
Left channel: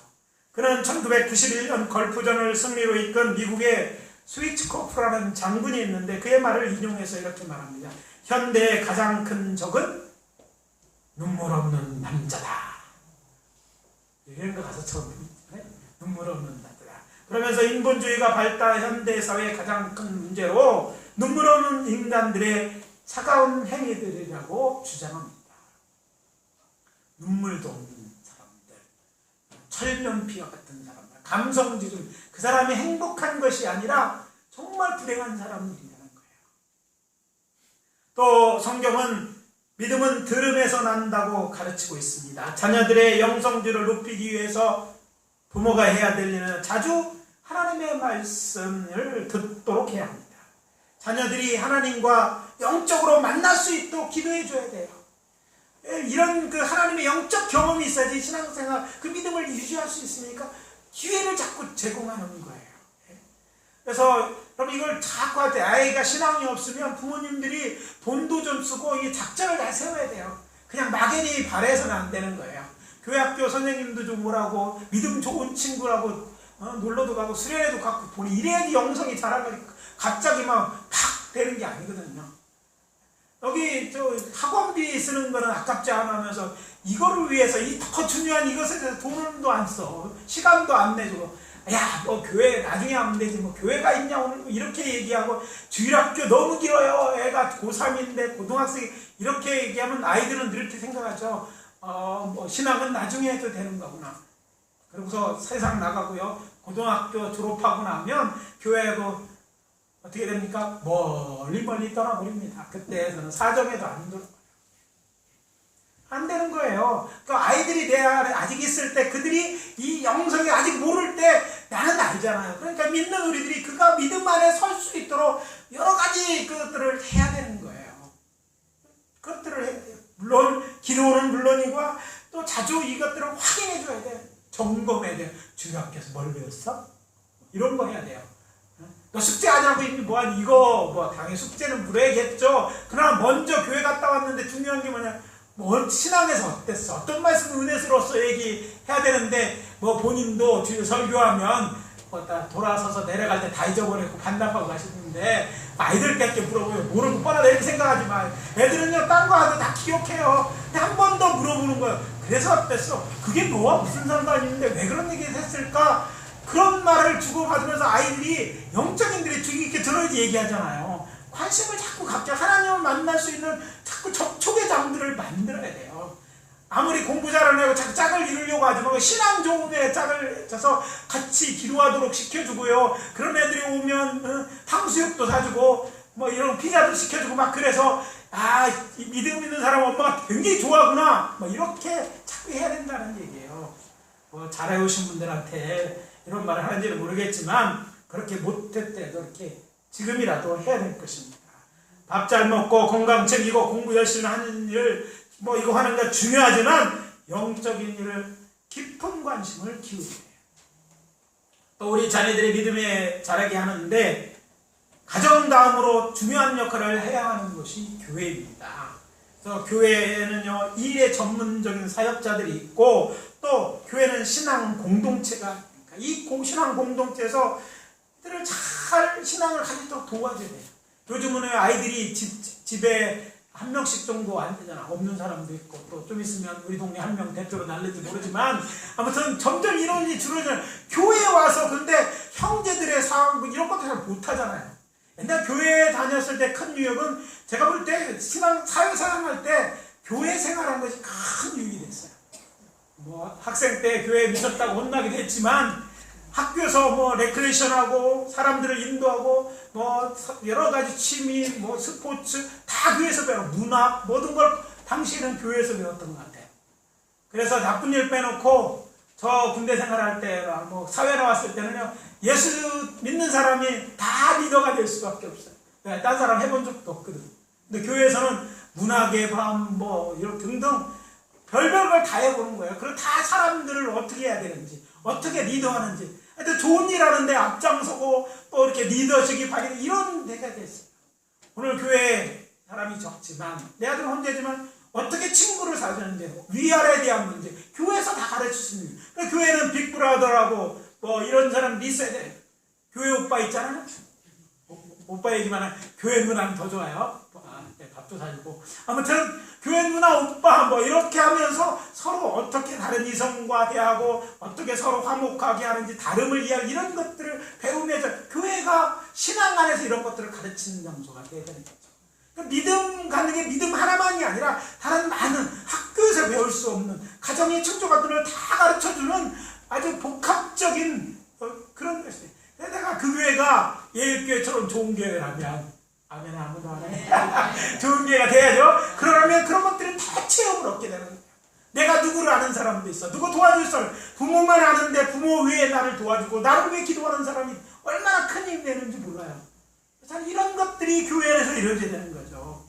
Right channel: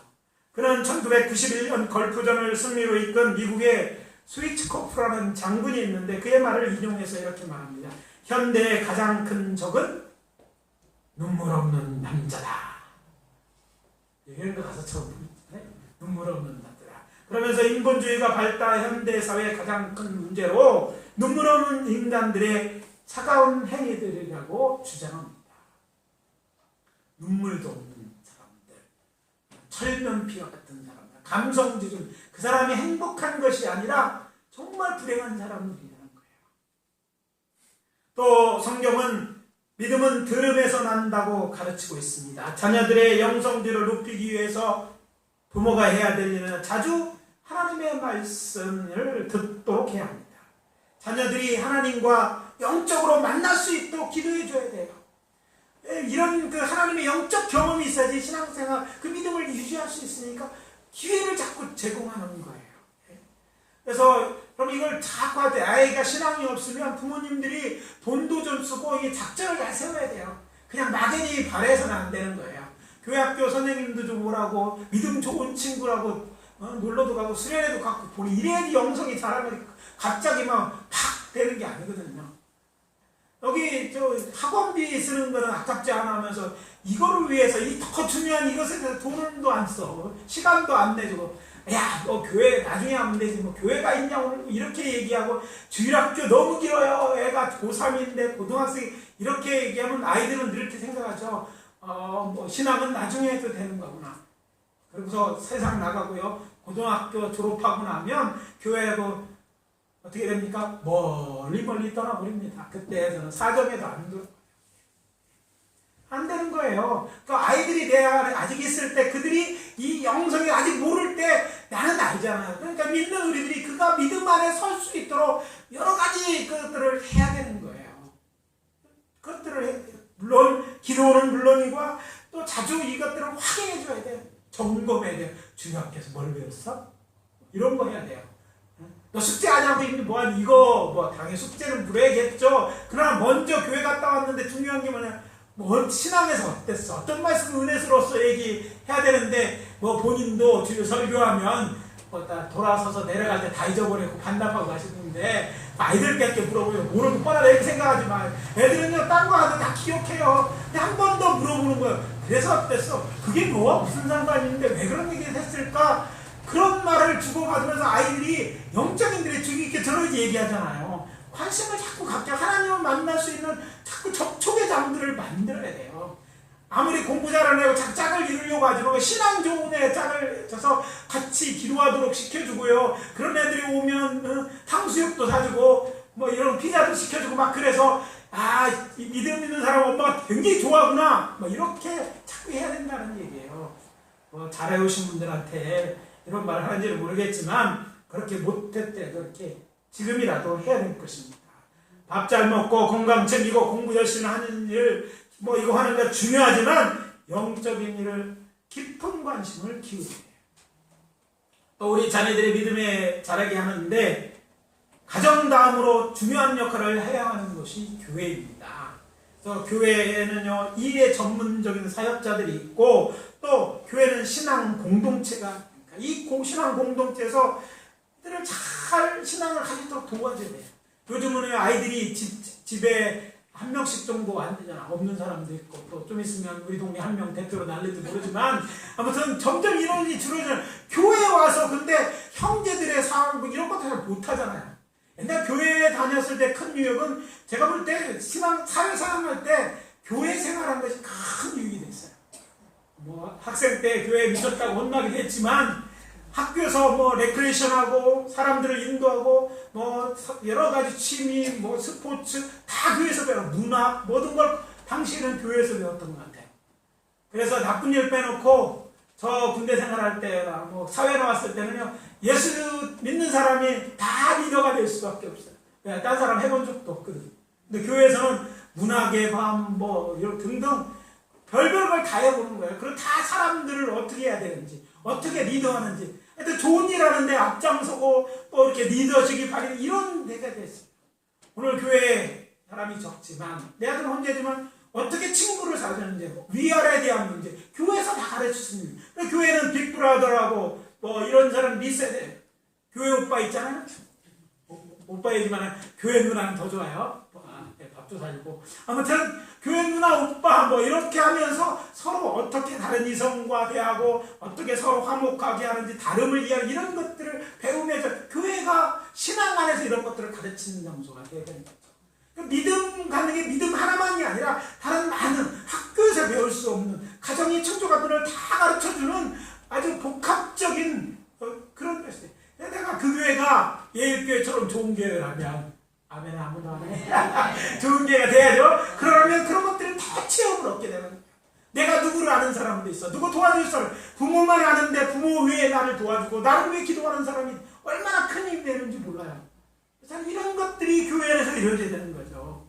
그는 1991년 걸프전을 승리로 이끈 미국의 스위츠코프라는 장군이 있는데 그의 말을 인용해서 이렇게 말합니다. 현대의 가장 큰 적은 눈물 없는 남자다. 이런 거 가서 처음 듣네. 눈물 없는 남자다. 그러면서 인본주의가 발달한 현대사회의 가장 큰 문제로 눈물 없는 인간들의 차가운 행위들이라고 주장합니다. 눈물도 없는 사람들, 철면피와 같은 사람들, 감성지수, 그 사람이 행복한 것이 아니라 정말 불행한 사람들이라는 거예요. 또 성경은 믿음은 들음에서 난다고 가르치고 있습니다. 자녀들의 영성지를 높이기 위해서 부모가 해야 될 일은 자주 하나님의 말씀을 듣도록 해야 합니다. 자녀들이 하나님과 영적으로 만날 수 있도록 기도해 줘야 돼요. 이런 그 하나님의 영적 경험이 있어야지 신앙생활, 그 믿음을 유지할 수 있으니까 기회를 자꾸 제공하는 거예요. 그래서 그럼 이걸 자꾸 할 때 아이가 신앙이 없으면 부모님들이 돈도 좀 쓰고 이 작전을 잘 세워야 돼요. 그냥 막연히 바라서는 안 되는 거예요. 교회 학교 선생님도 좀 오라고, 믿음 좋은 친구라고 놀러도 가고 수련회도 가고 보니 이래야지 영성이 자라면 갑자기 막 되는 게 아니거든요. 여기 학원비 쓰는 거는 아깝지 않아 하면서 이거를 위해서 이 더 중요한 이것에 대해서 돈도 안 써, 시간도 안 내주고 야, 뭐 교회 나중에 하면 되지, 뭐 교회가 있냐 오늘 이렇게 얘기하고, 주일학교 너무 길어요, 애가 고3인데 고등학생 이렇게 얘기하면 아이들은 이렇게 생각하죠. 뭐 신앙은 나중에 해도 되는 거구나. 그러고서 세상 나가고요, 고등학교 졸업하고 나면 교회하고 어떻게 됩니까? 멀리 떠나버립니다. 그때는 사정에도 안 되는 거예요. 그러니까 아이들이 내가 아직 있을 때, 그들이 이 영성이 아직 모를 때 나는 알잖아요. 그러니까 믿는 우리들이 그가 믿음 안에 설 수 있도록 여러 가지 그것들을 해야 되는 거예요. 그것들을 해야 돼요. 물론 기도는 물론이고 또 자주 이것들을 확인해 줘야 돼요. 점검해야 돼요. 중학교에서 뭘 배웠어? 이런 거 해야 돼요. 너 숙제 안 하고 있니? 뭐하니? 이거 뭐 당연히 숙제는 물어야겠죠. 그러나 먼저 교회 갔다 왔는데 중요한 게 뭐냐? 뭐 신앙에서 어땠어? 어떤 말씀 은혜스러웠어? 얘기해야 되는데, 뭐 본인도 주일 설교하면 뭐 돌아서서 내려갈 때 다 잊어버리고 반납하고 가시는데, 아이들께 물어보면 모르고 뻔하다 이렇게 생각하지 마. 애들은요, 딴 거 하도 다 기억해요. 근데 한 번 더 물어보는 거예요. 그래서 어땠어? 그게 너와 무슨 상관이 있는데 왜 그런 얘기를 했을까? 그런 말을 주고받으면서 아이들이 영적인들이 주의 깊게 들어야지 얘기하잖아요. 관심을 자꾸 갖게, 하나님을 만날 수 있는 자꾸 접촉의 장들을 만들어야 돼요. 아무리 공부 잘하는 애고 자꾸 짝을 이루려고 하지 말고, 신앙 좋은 애 짝을 쳐서 같이 기도하도록 시켜주고요. 그런 애들이 오면 탕수육도 사주고 뭐 이런 피자도 시켜주고 막, 그래서 이 믿음 있는 사람 엄마가 굉장히 좋아하구나, 뭐 이렇게 자꾸 해야 된다는 얘기예요. 뭐 잘해오신 분들한테 이런 말을 하는지는 모르겠지만, 그렇게 못했대 그렇게 지금이라도 해야 될 것입니다. 밥 잘 먹고 건강 챙기고 공부 열심히 하는 일, 뭐 이거 하는 거 중요하지만 영적인 일을 깊은 관심을 기울여야 해요. 또 우리 자녀들의 믿음에 자라게 하는데 가정 다음으로 중요한 역할을 해야 하는 것이 교회입니다. 그래서 교회에는요, 일에 전문적인 사역자들이 있고, 또 교회는 신앙 공동체가, 이 신앙 공동체에서 들을 잘 신앙을 가지도록 도와줘야 돼요. 요즘은 아이들이 집에 한 명씩 정도 안 되잖아. 없는 사람도 있고, 또 좀 있으면 우리 동네 한 명 대표로 날릴지 모르지만, 아무튼 점점 이런 일이 줄어들어요. 교회에 와서 근데 형제들의 상황 이런 것도 잘 못하잖아요. 옛날 교회에 다녔을 때 큰 유익은, 제가 볼 때 사회생활할 때 교회 생활한 것이 큰 유익이 됐어요. 뭐 학생 때 교회에 미쳤다고 혼나기도 했지만, 학교에서 뭐 레크레이션하고 사람들을 인도하고 뭐 여러 가지 취미, 뭐 스포츠 다 교회에서 배워. 문학 모든 걸 당시에는 교회에서 배웠던 것 같아요. 그래서 나쁜 일 빼놓고 저 군대 생활할 때나 뭐 사회 나왔을 때는요, 예수 믿는 사람이 다 리더가 될 수밖에 없어요. 딴 사람 해본 적도 없거든. 근데 교회에서는 문학의 밤 뭐 이런 등등 별별 걸 다 해보는 거예요. 그리고 다 사람들을 어떻게 해야 되는지, 어떻게 리더하는지, 하여튼 좋은 일 하는데 앞장서고 또 이렇게 리더십이 발휘되는 이런 데가 됐어요. 오늘 교회에 사람이 적지만, 내 아들 혼자지만 어떻게 친구를 사주는지, 위아래에 대한 문제, 교회에서 다 가르칠 수 있는 거예요. 교회는 빅브라더라고 뭐 이런 사람 있어야 돼. 교회 오빠 있잖아요. 오빠 얘기만 하면 교회 누나는 더 좋아요. 밥도 사주고. 아무튼 교회 누나 오빠 뭐 이렇게 하면서 서로 어떻게 다른 이성과 대하고 어떻게 서로 화목하게 하는지, 다름을 이해하는 이런 것들을 배우면서, 교회가 신앙 안에서 이런 것들을 가르치는 장소가 되어야 되는 거죠. 믿음 가는 게 믿음 하나만이 아니라 다른 많은 학교에서 배울 수 없는, 가정의 충족들을 다 가르쳐주는 아주 복합적인 그런 것이에요. 내가 그 교회가 예일교회처럼 좋은 교회라면, 아멘, 아멘. 좋은 교회가 돼야죠. 그러면 그런 것들을 다 체험을 얻게 되는 거예요. 내가 누구를 아는 사람도 있어. 누구 도와줄 사람. 부모만 아는데 부모 외에 나를 도와주고, 나를 위해 기도하는 사람이 얼마나 큰 힘이 되는지 몰라요. 그래서 이런 것들이 교회에서 이루어져야 되는 거죠.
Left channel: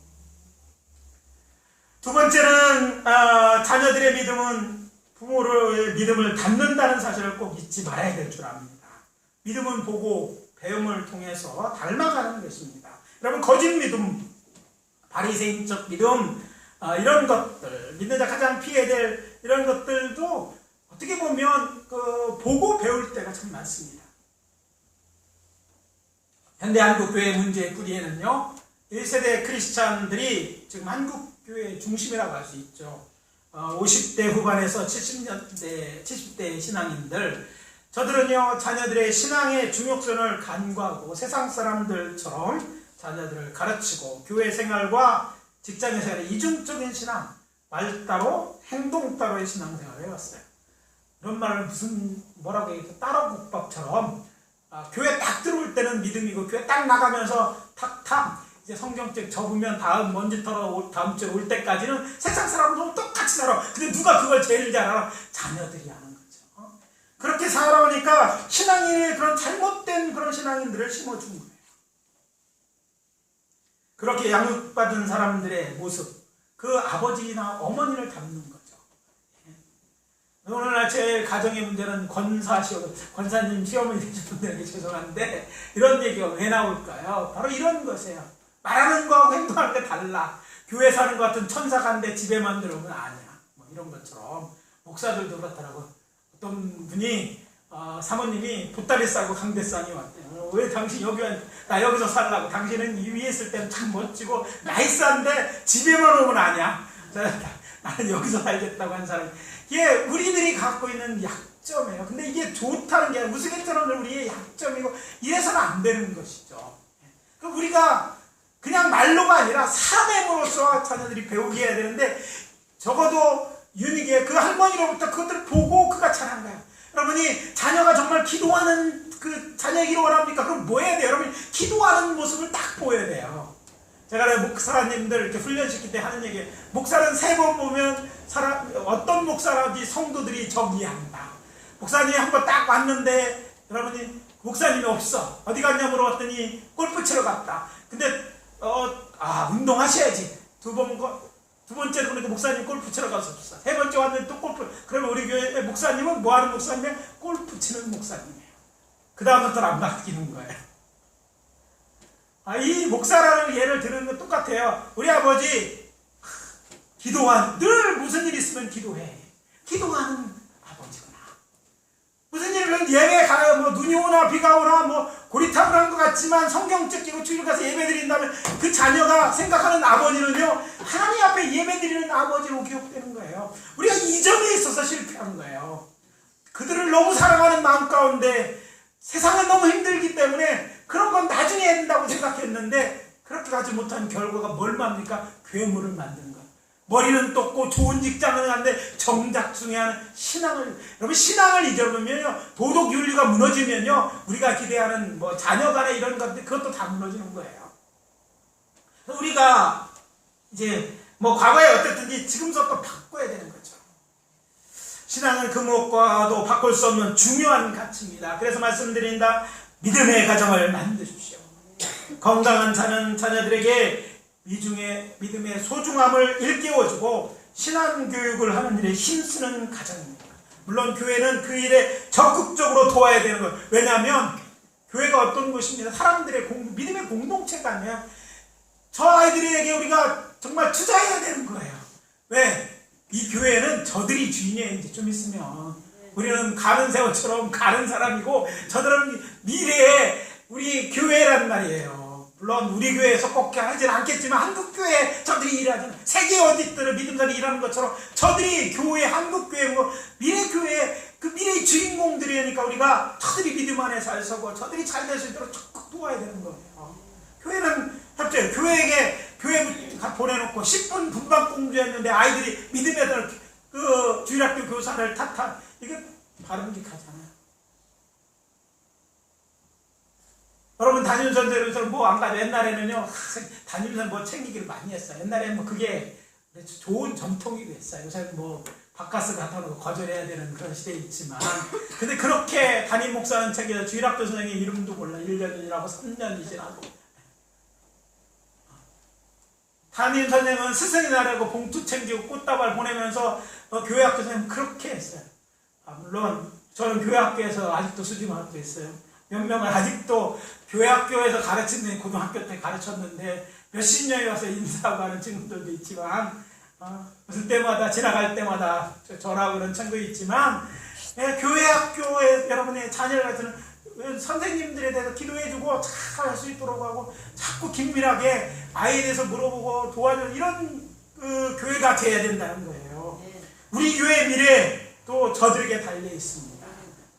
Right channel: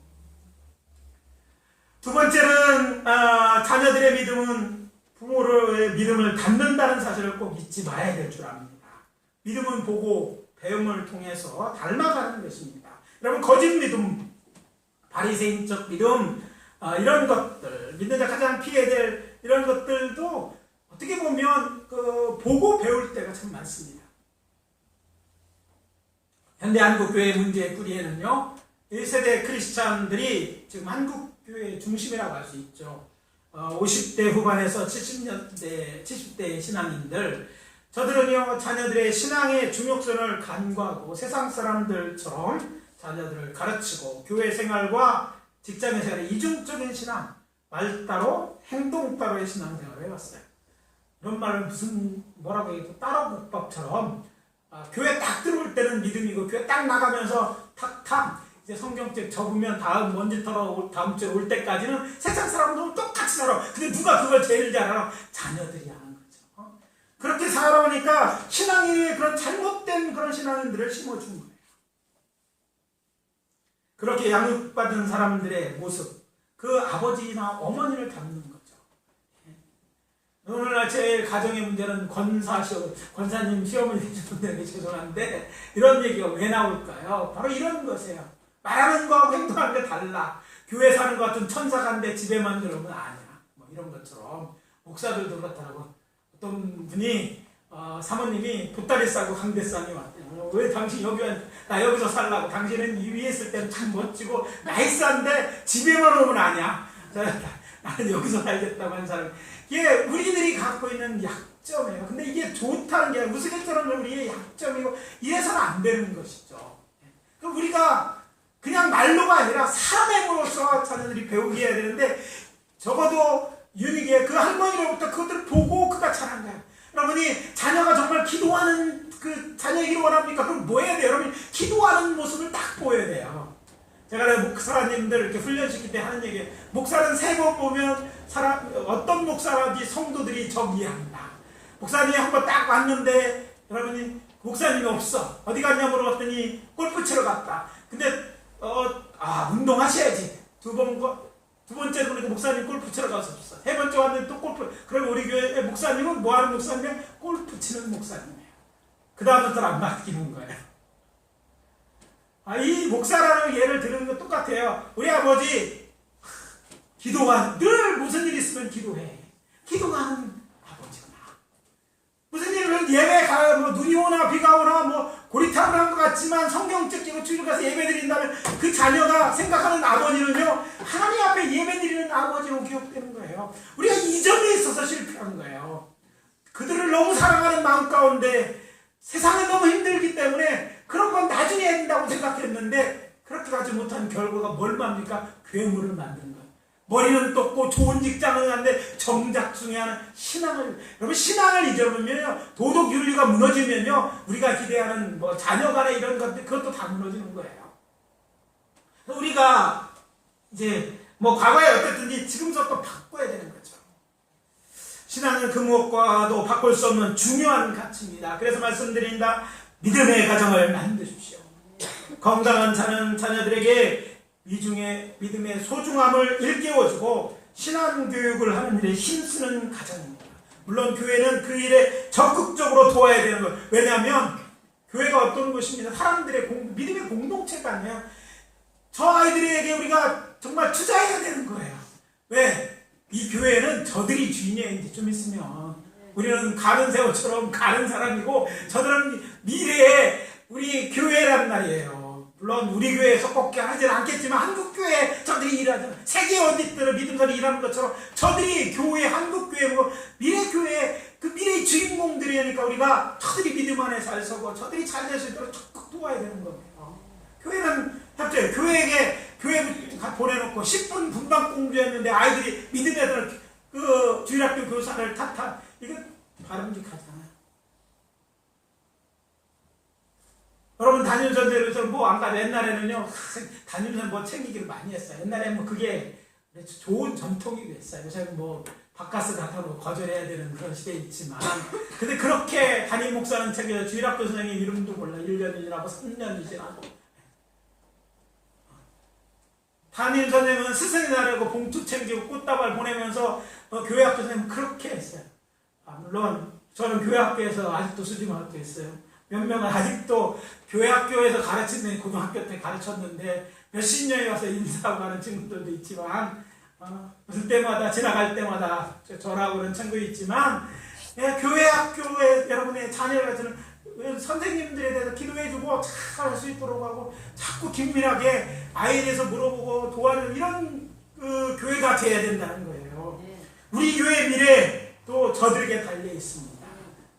두 번째는 자녀들의 믿음은 부모의 믿음을 닮는다는 사실을 꼭 잊지 말아야 될 줄 압니다. 믿음은 보고 배움을 통해서 닮아가는 것입니다. 여러분, 거짓 믿음, 바리새인적 믿음, 이런 것들, 믿는 자 가장 피해야 될 이런 것들도 어떻게 보면 보고 배울 때가 참 많습니다. 현대 한국교회 문제의 뿌리에는요, 1세대 크리스찬들이 지금 한국교회의 중심이라고 할 수 있죠. 50대 후반에서 70대 신앙인들, 저들은요 자녀들의 신앙의 중요성을 간과하고 세상 사람들처럼 자녀들을 가르치고 교회 생활과 직장의 생활의 이중적인 신앙, 말 따로 행동 따로의 신앙생활을 해왔어요. 이런 말을 뭐라고 얘기해? 따로국밥처럼 교회 딱 들어올 때는 믿음이고 교회 딱 나가면서 탁탁 이제 성경책 적으면 먼지 털어 다음 주에 올 때까지는 세상 사람들은 똑같이 살아. 근데 누가 그걸 제일 잘 알아? 자녀들이 하는 거죠. 그렇게 살아오니까 신앙인의 그런 잘못된 그런 신앙인들을 심어준 거예요. 그렇게 양육받은 사람들의 모습, 그 아버지나 어머니를 닮는 거죠. 오늘날 제 가정의 문제는 권사님 시어머니 되신 분들에게 죄송한데 이런 얘기가 왜 나올까요? 바로 이런 것이에요. 말하는 거하고 행동하는 게 달라. 교회 사는 것 같은 천사가 한데 집에만 들어오면 아니야. 뭐 이런 것처럼 목사들도 그렇더라고. 어떤 분이 사모님이 보따리 싸고 강대상이 왔대요. 왜 당신 나 여기서 살라고. 당신은 이 위에 있을 때는 참 멋지고 나이스한데 집에만 오면 아니야. 나는 여기서 살겠다고 한 사람이. 이게 우리들이 갖고 있는 약점이에요. 근데 이게 좋다는 게 우스갯소리는 우리의 약점이고 이래서는 안 되는 것이죠. 우리가 그냥 말로가 아니라 사람으로서 자녀들이 배우게 해야 되는데 적어도 유니기에 그 할머니로부터 그것들을 보고 그가 잘한 거예요. 여러분이 자녀가 정말 기도하는 그 자녀의 기도를 합니까? 그럼 뭐 해야 돼요? 여러분 기도하는 모습을 딱 보여야 돼요. 제가 목사님들 이렇게 훈련시킬 때 하는 얘기예요. 목사는 3번 보면 어떤 목사라든지 성도들이 정리한다. 목사님이 한번 딱 왔는데 여러분이 목사님이 없어. 어디 갔냐 물어봤더니 골프 치러 갔다. 근데 운동하셔야지. 두 번째 보니까 목사님 골프 치러 가서 없어. 3번째 왔는데 또 골프. 그러면 우리 교회 목사님은 뭐 하는 목사님이에요? 골프 치는 목사님이에요. 그 다음부터는 안 바뀌는 거예요. 이 목사라는 예를 들은 거 똑같아요. 우리 아버지 늘 무슨 일 있으면 기도해. 기도하는 아버지구나. 무슨 일을 예배 가요. 뭐 눈이 오나 비가 오나 뭐 고리탑을 한 것 같지만 성경책 끼고 주일 가서 예배 드린다면 그 자녀가 생각하는 아버지는요 하나님 앞에 예배 드리는 아버지로 기억되는 거예요. 우리가 이 점에 있어서 실패한 거예요. 그들을 너무 사랑하는 마음 가운데 세상은 너무 힘들기 때문에 그런 건 나중에 해야 된다고 생각했는데 그렇게 가지 못한 결과가 뭘 맙니까? 괴물을 만드는 거예요. 머리는 똑고 좋은 직장을 하는데 정작중요한 여러분 신앙을 잊어버리면요 도덕 윤리가 무너지면요 우리가 기대하는 뭐 자녀간의 이런 것들 그것도 다 무너지는 거예요. 우리가 이제 뭐 과거에 어땠든지 지금부터 바꿔야 되는 거죠. 신앙은 그 무엇과도 바꿀 수 없는 중요한 가치입니다. 그래서 말씀드린다. 믿음의 가정을 만드십시오. 건강한 자녀들에게 이중에 믿음의 소중함을 일깨워주고 신앙교육을 하는 일에 힘쓰는 가정입니다. 물론 교회는 그 일에 적극적으로 도와야 되는 거예요. 왜냐하면 교회가 어떤 곳입니다. 사람들의 믿음의 공동체가 아니에요. 저 아이들에게 우리가 정말 투자해야 되는 거예요. 왜? 이 교회는 저들이 주인이에요. 이제 좀 있으면 우리는 가는 새우처럼 가는 사람이고 저들은 미래의 우리 교회란 말이에요. 물론 우리 교회에서 꼭 하지는 않겠지만 한국교회 저들이 일하잖아요. 세계 어디든 믿음들이 일하는 것처럼 저들이 교회, 한국교회, 미래교회 그 미래의 주인공들이니까 우리가 저들이 믿음 안에 잘 서고 저들이 잘 될 수 있도록 적극 도와야 되는 거예요. 교회는 협조해요. 교회 보내놓고 10분 분방 공부했는데 아이들이 믿음의 그 주일학교 교사를 탓한 이거 바람직하잖아요. 여러분 담임선생님들 뭐 안 가도 옛날에는요 담임선 뭐 챙기기를 많이 했어요. 옛날에는 뭐 그게 좋은 전통이 됐어요. 요새는 뭐 바카스 같은 거 거절해야 되는 그런 시대에 있지만 근데 그렇게 담임 목사는 챙겨서 주일학교 선생님 이름도 몰라. 1년이라고 3년이 지나고 담임 선생님은 스승이 나라고 봉투 챙기고 꽃다발 보내면서 교회 학교 선생님은 그렇게 했어요. 물론 저는 교회 학교에서 아직도 수직을 하고 있어요. 몇 명은 아직도 교회 학교에서 가르치는 고등학교 때 가르쳤는데 몇십 년이 와서 인사하고 하는 친구들도 있지만 무슨 때마다 지나갈 때마다 저라고 그런 친구 있지만 교회 학교에 여러분의 자녀를 가르치는 선생님들에 대해서 기도해주고 잘 할 수 있도록 하고 자꾸 긴밀하게 아이에 대해서 물어보고 도와주는 이런 그 교회가 돼야 된다는 거예요. 우리 교회 미래 또 저들에게 달려 있습니다.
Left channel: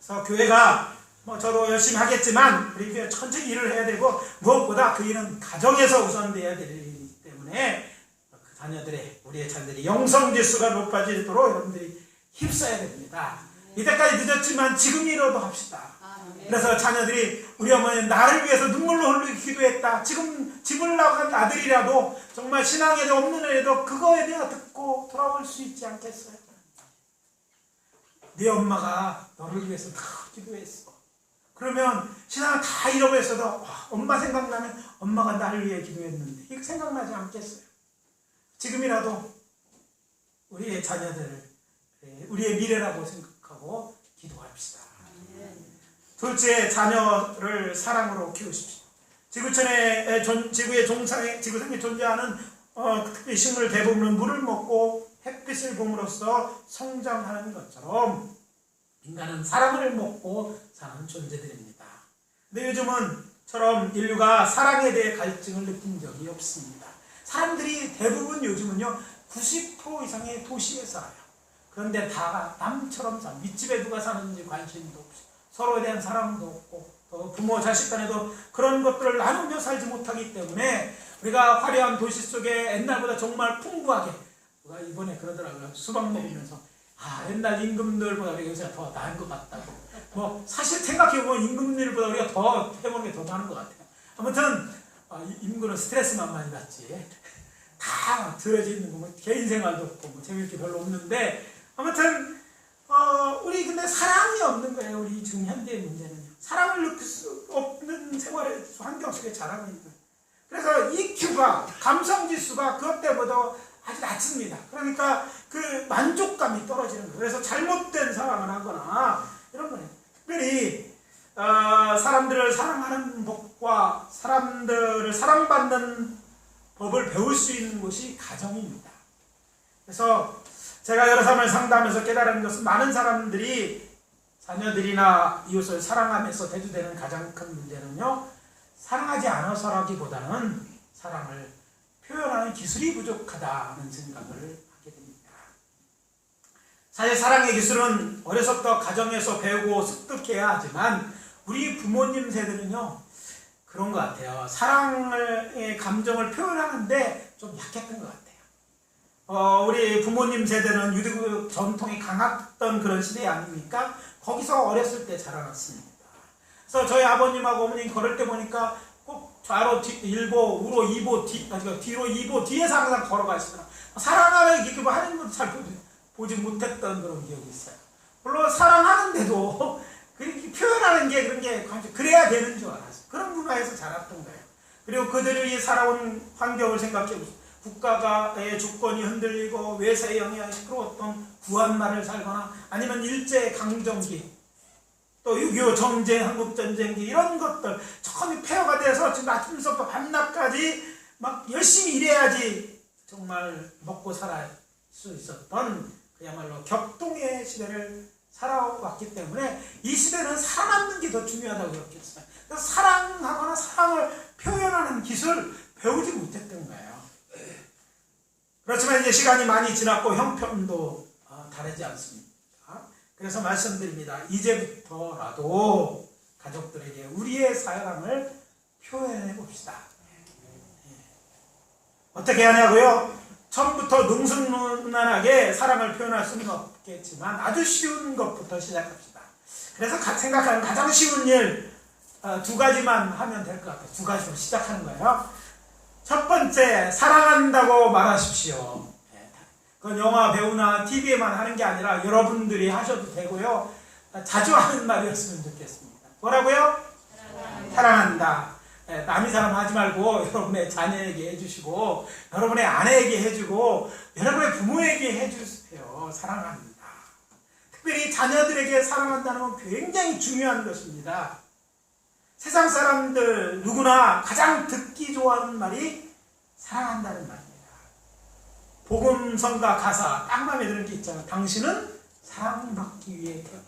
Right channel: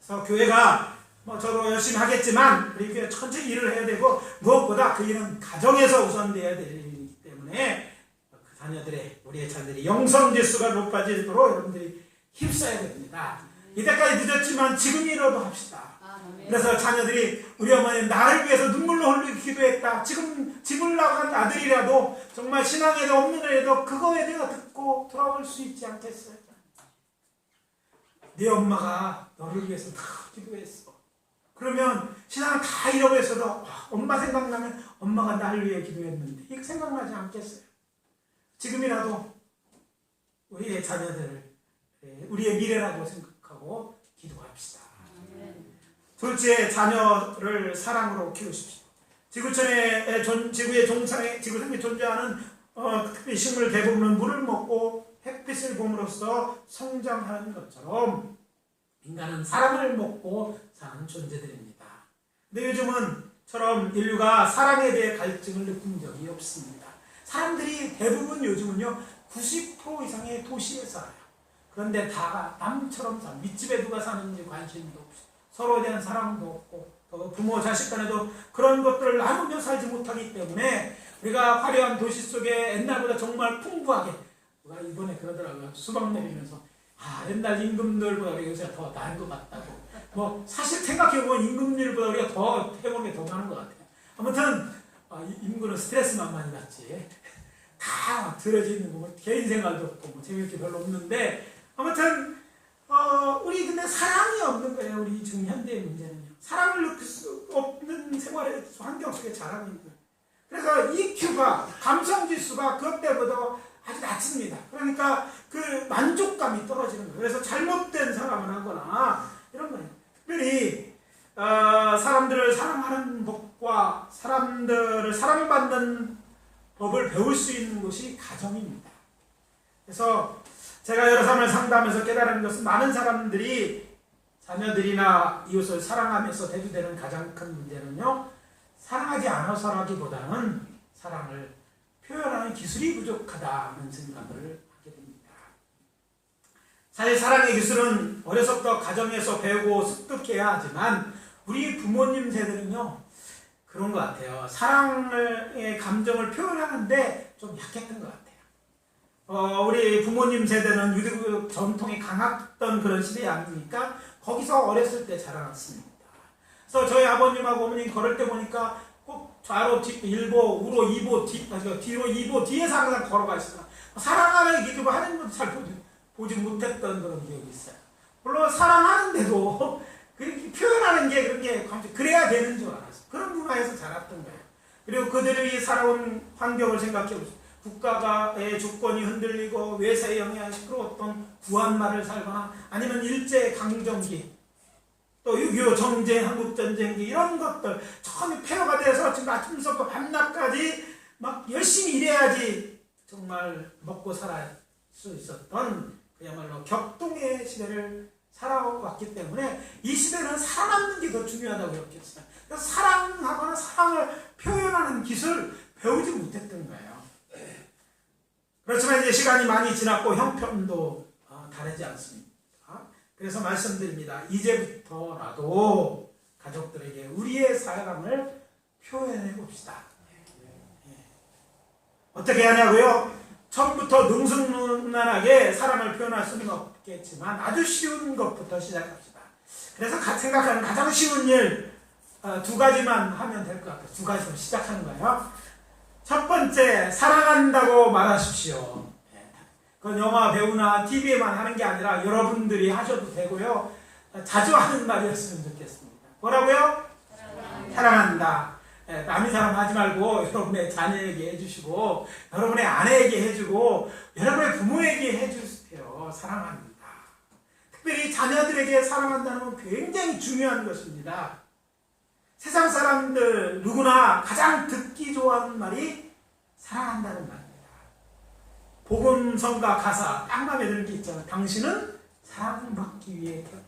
그래서 교회가 저도 열심히 하겠지만 우리 교회 천천히 일을 해야 되고 무엇보다 그 일은 가정에서 우선돼야 되기 때문에 그 자녀들의 우리의 자녀들이 영성지수가 높아지도록 여러분들이 힘써야 됩니다. 이때까지 늦었지만 지금이라도 합시다. 그래서 자녀들이 우리 어머니는 나를 위해서 눈물로 흘리게 기도했다. 지금 집을 나간 아들이라도 정말 신앙에도 없는 애도 그거에 대해 듣고 돌아올 수 있지 않겠어요? 네 엄마가 너를 위해서 다 기도했어. 그러면 신앙을 다 잃어버렸어도 엄마 생각나면 엄마가 나를 위해 기도했는데 이거 생각나지 않겠어요? 지금이라도 우리의 자녀들, 우리의 미래라고 생각하고 기도합시다. 둘째, 자녀를 사랑으로 키우십시오. 지구상에 존재하는 특별히 식물 대부분은 물을 먹고 햇빛을 봄으로써 성장하는 것처럼 인간은 사랑을 먹고 사는 존재들입니다. 근데 요즘은처럼 인류가 사랑에 대해 갈증을 느낀 적이 없습니다. 사람들이 대부분 요즘은요 90% 이상의 도시에 살아요. 그런데 다 남처럼 살아요. 윗집에 누가 사는지 관심도 없어. 서로에 대한 사랑도 없고 또 부모 자식 간에도 그런 것들을 나누며 살지 못하기 때문에 우리가 화려한 도시 속에 옛날보다 정말 풍부하게, 누가 이번에 그러더라고요. 수박 내리면서 옛날 임금들보다 우리가 요새가 더 나은 것 같다고. 사실 생각해보면 임금들보다 우리가 더 해보는 게 더 많은 것 같아요. 아무튼 임금은 스트레스만 많이 받지 다 들어져 있는 거 개인 생활도 없고 재미있을 게 별로 없는데, 아무튼 우리 근데 사랑이 없는 거예요. 우리 지금 현대의 문제는요. 사랑을 느낄 수 없는 생활의 환경 속에 자라고 있는 거예요. 그래서 EQ가, 감성지수가 그것 때보다 아주 낮습니다. 그러니까 그 만족감이 떨어지는 거예요. 그래서 잘못된 사랑을 하거나 이런 거예요. 특별히 사람들을 사랑하는 법과 사람들을 사랑받는 법을 배울 수 있는 곳이 가정입니다. 그래서 제가 여러 사람을 상담하면서 깨달은 것은 많은 사람들이 자녀들이나 이웃을 사랑하면서 대두되는 가장 큰 문제는요, 사랑하지 않아서라기보다는 사랑을 표현하는 기술이 부족하다는 생각을 하게 됩니다. 사실 사랑의 기술은 어려서부터 가정에서 배우고 습득해야 하지만 우리 부모님 세대는요 그런 것 같아요. 사랑의 감정을 표현하는데 좀 약했던 것 같아요. 우리 부모님 세대는 유대교 전통이 강했던 그런 시대 아닙니까? 거기서 어렸을 때 자라났습니다. 그래서 저희 아버님하고 어머님 걸을 때 보니까 꼭 좌로 일보, 우로 이보, 뒤로 이보, 뒤에서 항상 걸어가시더라. 사랑하는 기도 하는 것도 잘 보지 못했던 그런 기억이 있어요. 물론 사랑하는데도 그렇게 표현하는 게 그런 게 그래야 되는 줄 알았어요. 그런 문화에서 자랐던 거예요. 그리고 그들이 살아온 환경을 생각해 보세요. 국가의 주권이 흔들리고 외세의 영향이 시끄러웠던 구한말을 살거나 아니면 일제강점기, 또 6.25 정쟁, 한국전쟁기 이런 것들 처음에 폐허가 돼서 지금 아침부터 밤낮까지 막 열심히 일해야지 정말 먹고 살 수 있었던 그야말로 격동의 시대를 살아왔기 때문에 이 시대는 살아남는 게 더 중요하다고 생각했어요. 사랑하거나 사랑을 표현하는 기술 배우지 못했던 거예요. 그렇지만 이제 시간이 많이 지났고 형편도 다르지 않습니다. 그래서 말씀드립니다. 이제부터라도 가족들에게 우리의 사랑을 표현해 봅시다. 어떻게 하냐고요? 처음부터 능숙능란하게 사랑을 표현할 수는 없겠지만 아주 쉬운 것부터 시작합시다. 그래서 생각하는 가장 쉬운 일 두 가지만 하면 될 것 같아요. 두 가지로 시작하는 거예요. 첫 번째, 사랑한다고 말하십시오. 그건 영화 배우나 TV에만 하는 게 아니라 여러분들이 하셔도 되고요. 자주 하는 말이었으면 좋겠습니다. 뭐라고요? 사랑한다. 남이 사랑하지 말고 여러분의 자녀에게 해주시고 여러분의 아내에게 해주고 여러분의 부모에게 해주세요. 사랑합니다. 특별히 자녀들에게 사랑한다는 건 굉장히 중요한 것입니다. 세상 사람들 누구나 가장 듣기 좋아하는 말이 사랑한다는 말입니다. 복음성가 가사 딱 마음에 드는 게 있잖아요. 당신은 사랑받기 위해 태어난.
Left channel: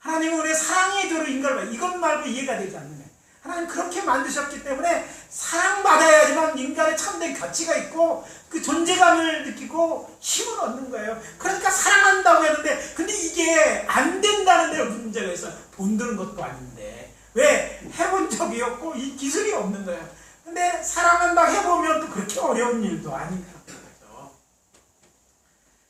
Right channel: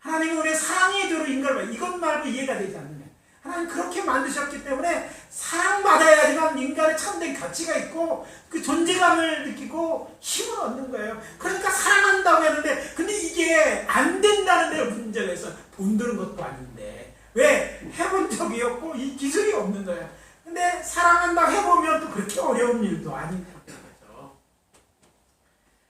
하나님은 우리의 사랑의 조로 인간을 이것 말고 이해가 되지 않는 거예요. 하나님 그렇게 만드셨기 때문에 사랑받아야지만 인간의 참된 가치가 있고 그 존재감을 느끼고 힘을 얻는 거예요. 그러니까 사랑한다고 했는데 근데 이게 안 된다는 데로 문제가 있어요. 돈 드는 것도 아닌데 왜? 해본 적이 없고 이 기술이 없는 거예요. 근데 사랑한다 해보면 또 그렇게 어려운 일도 아닌 거죠.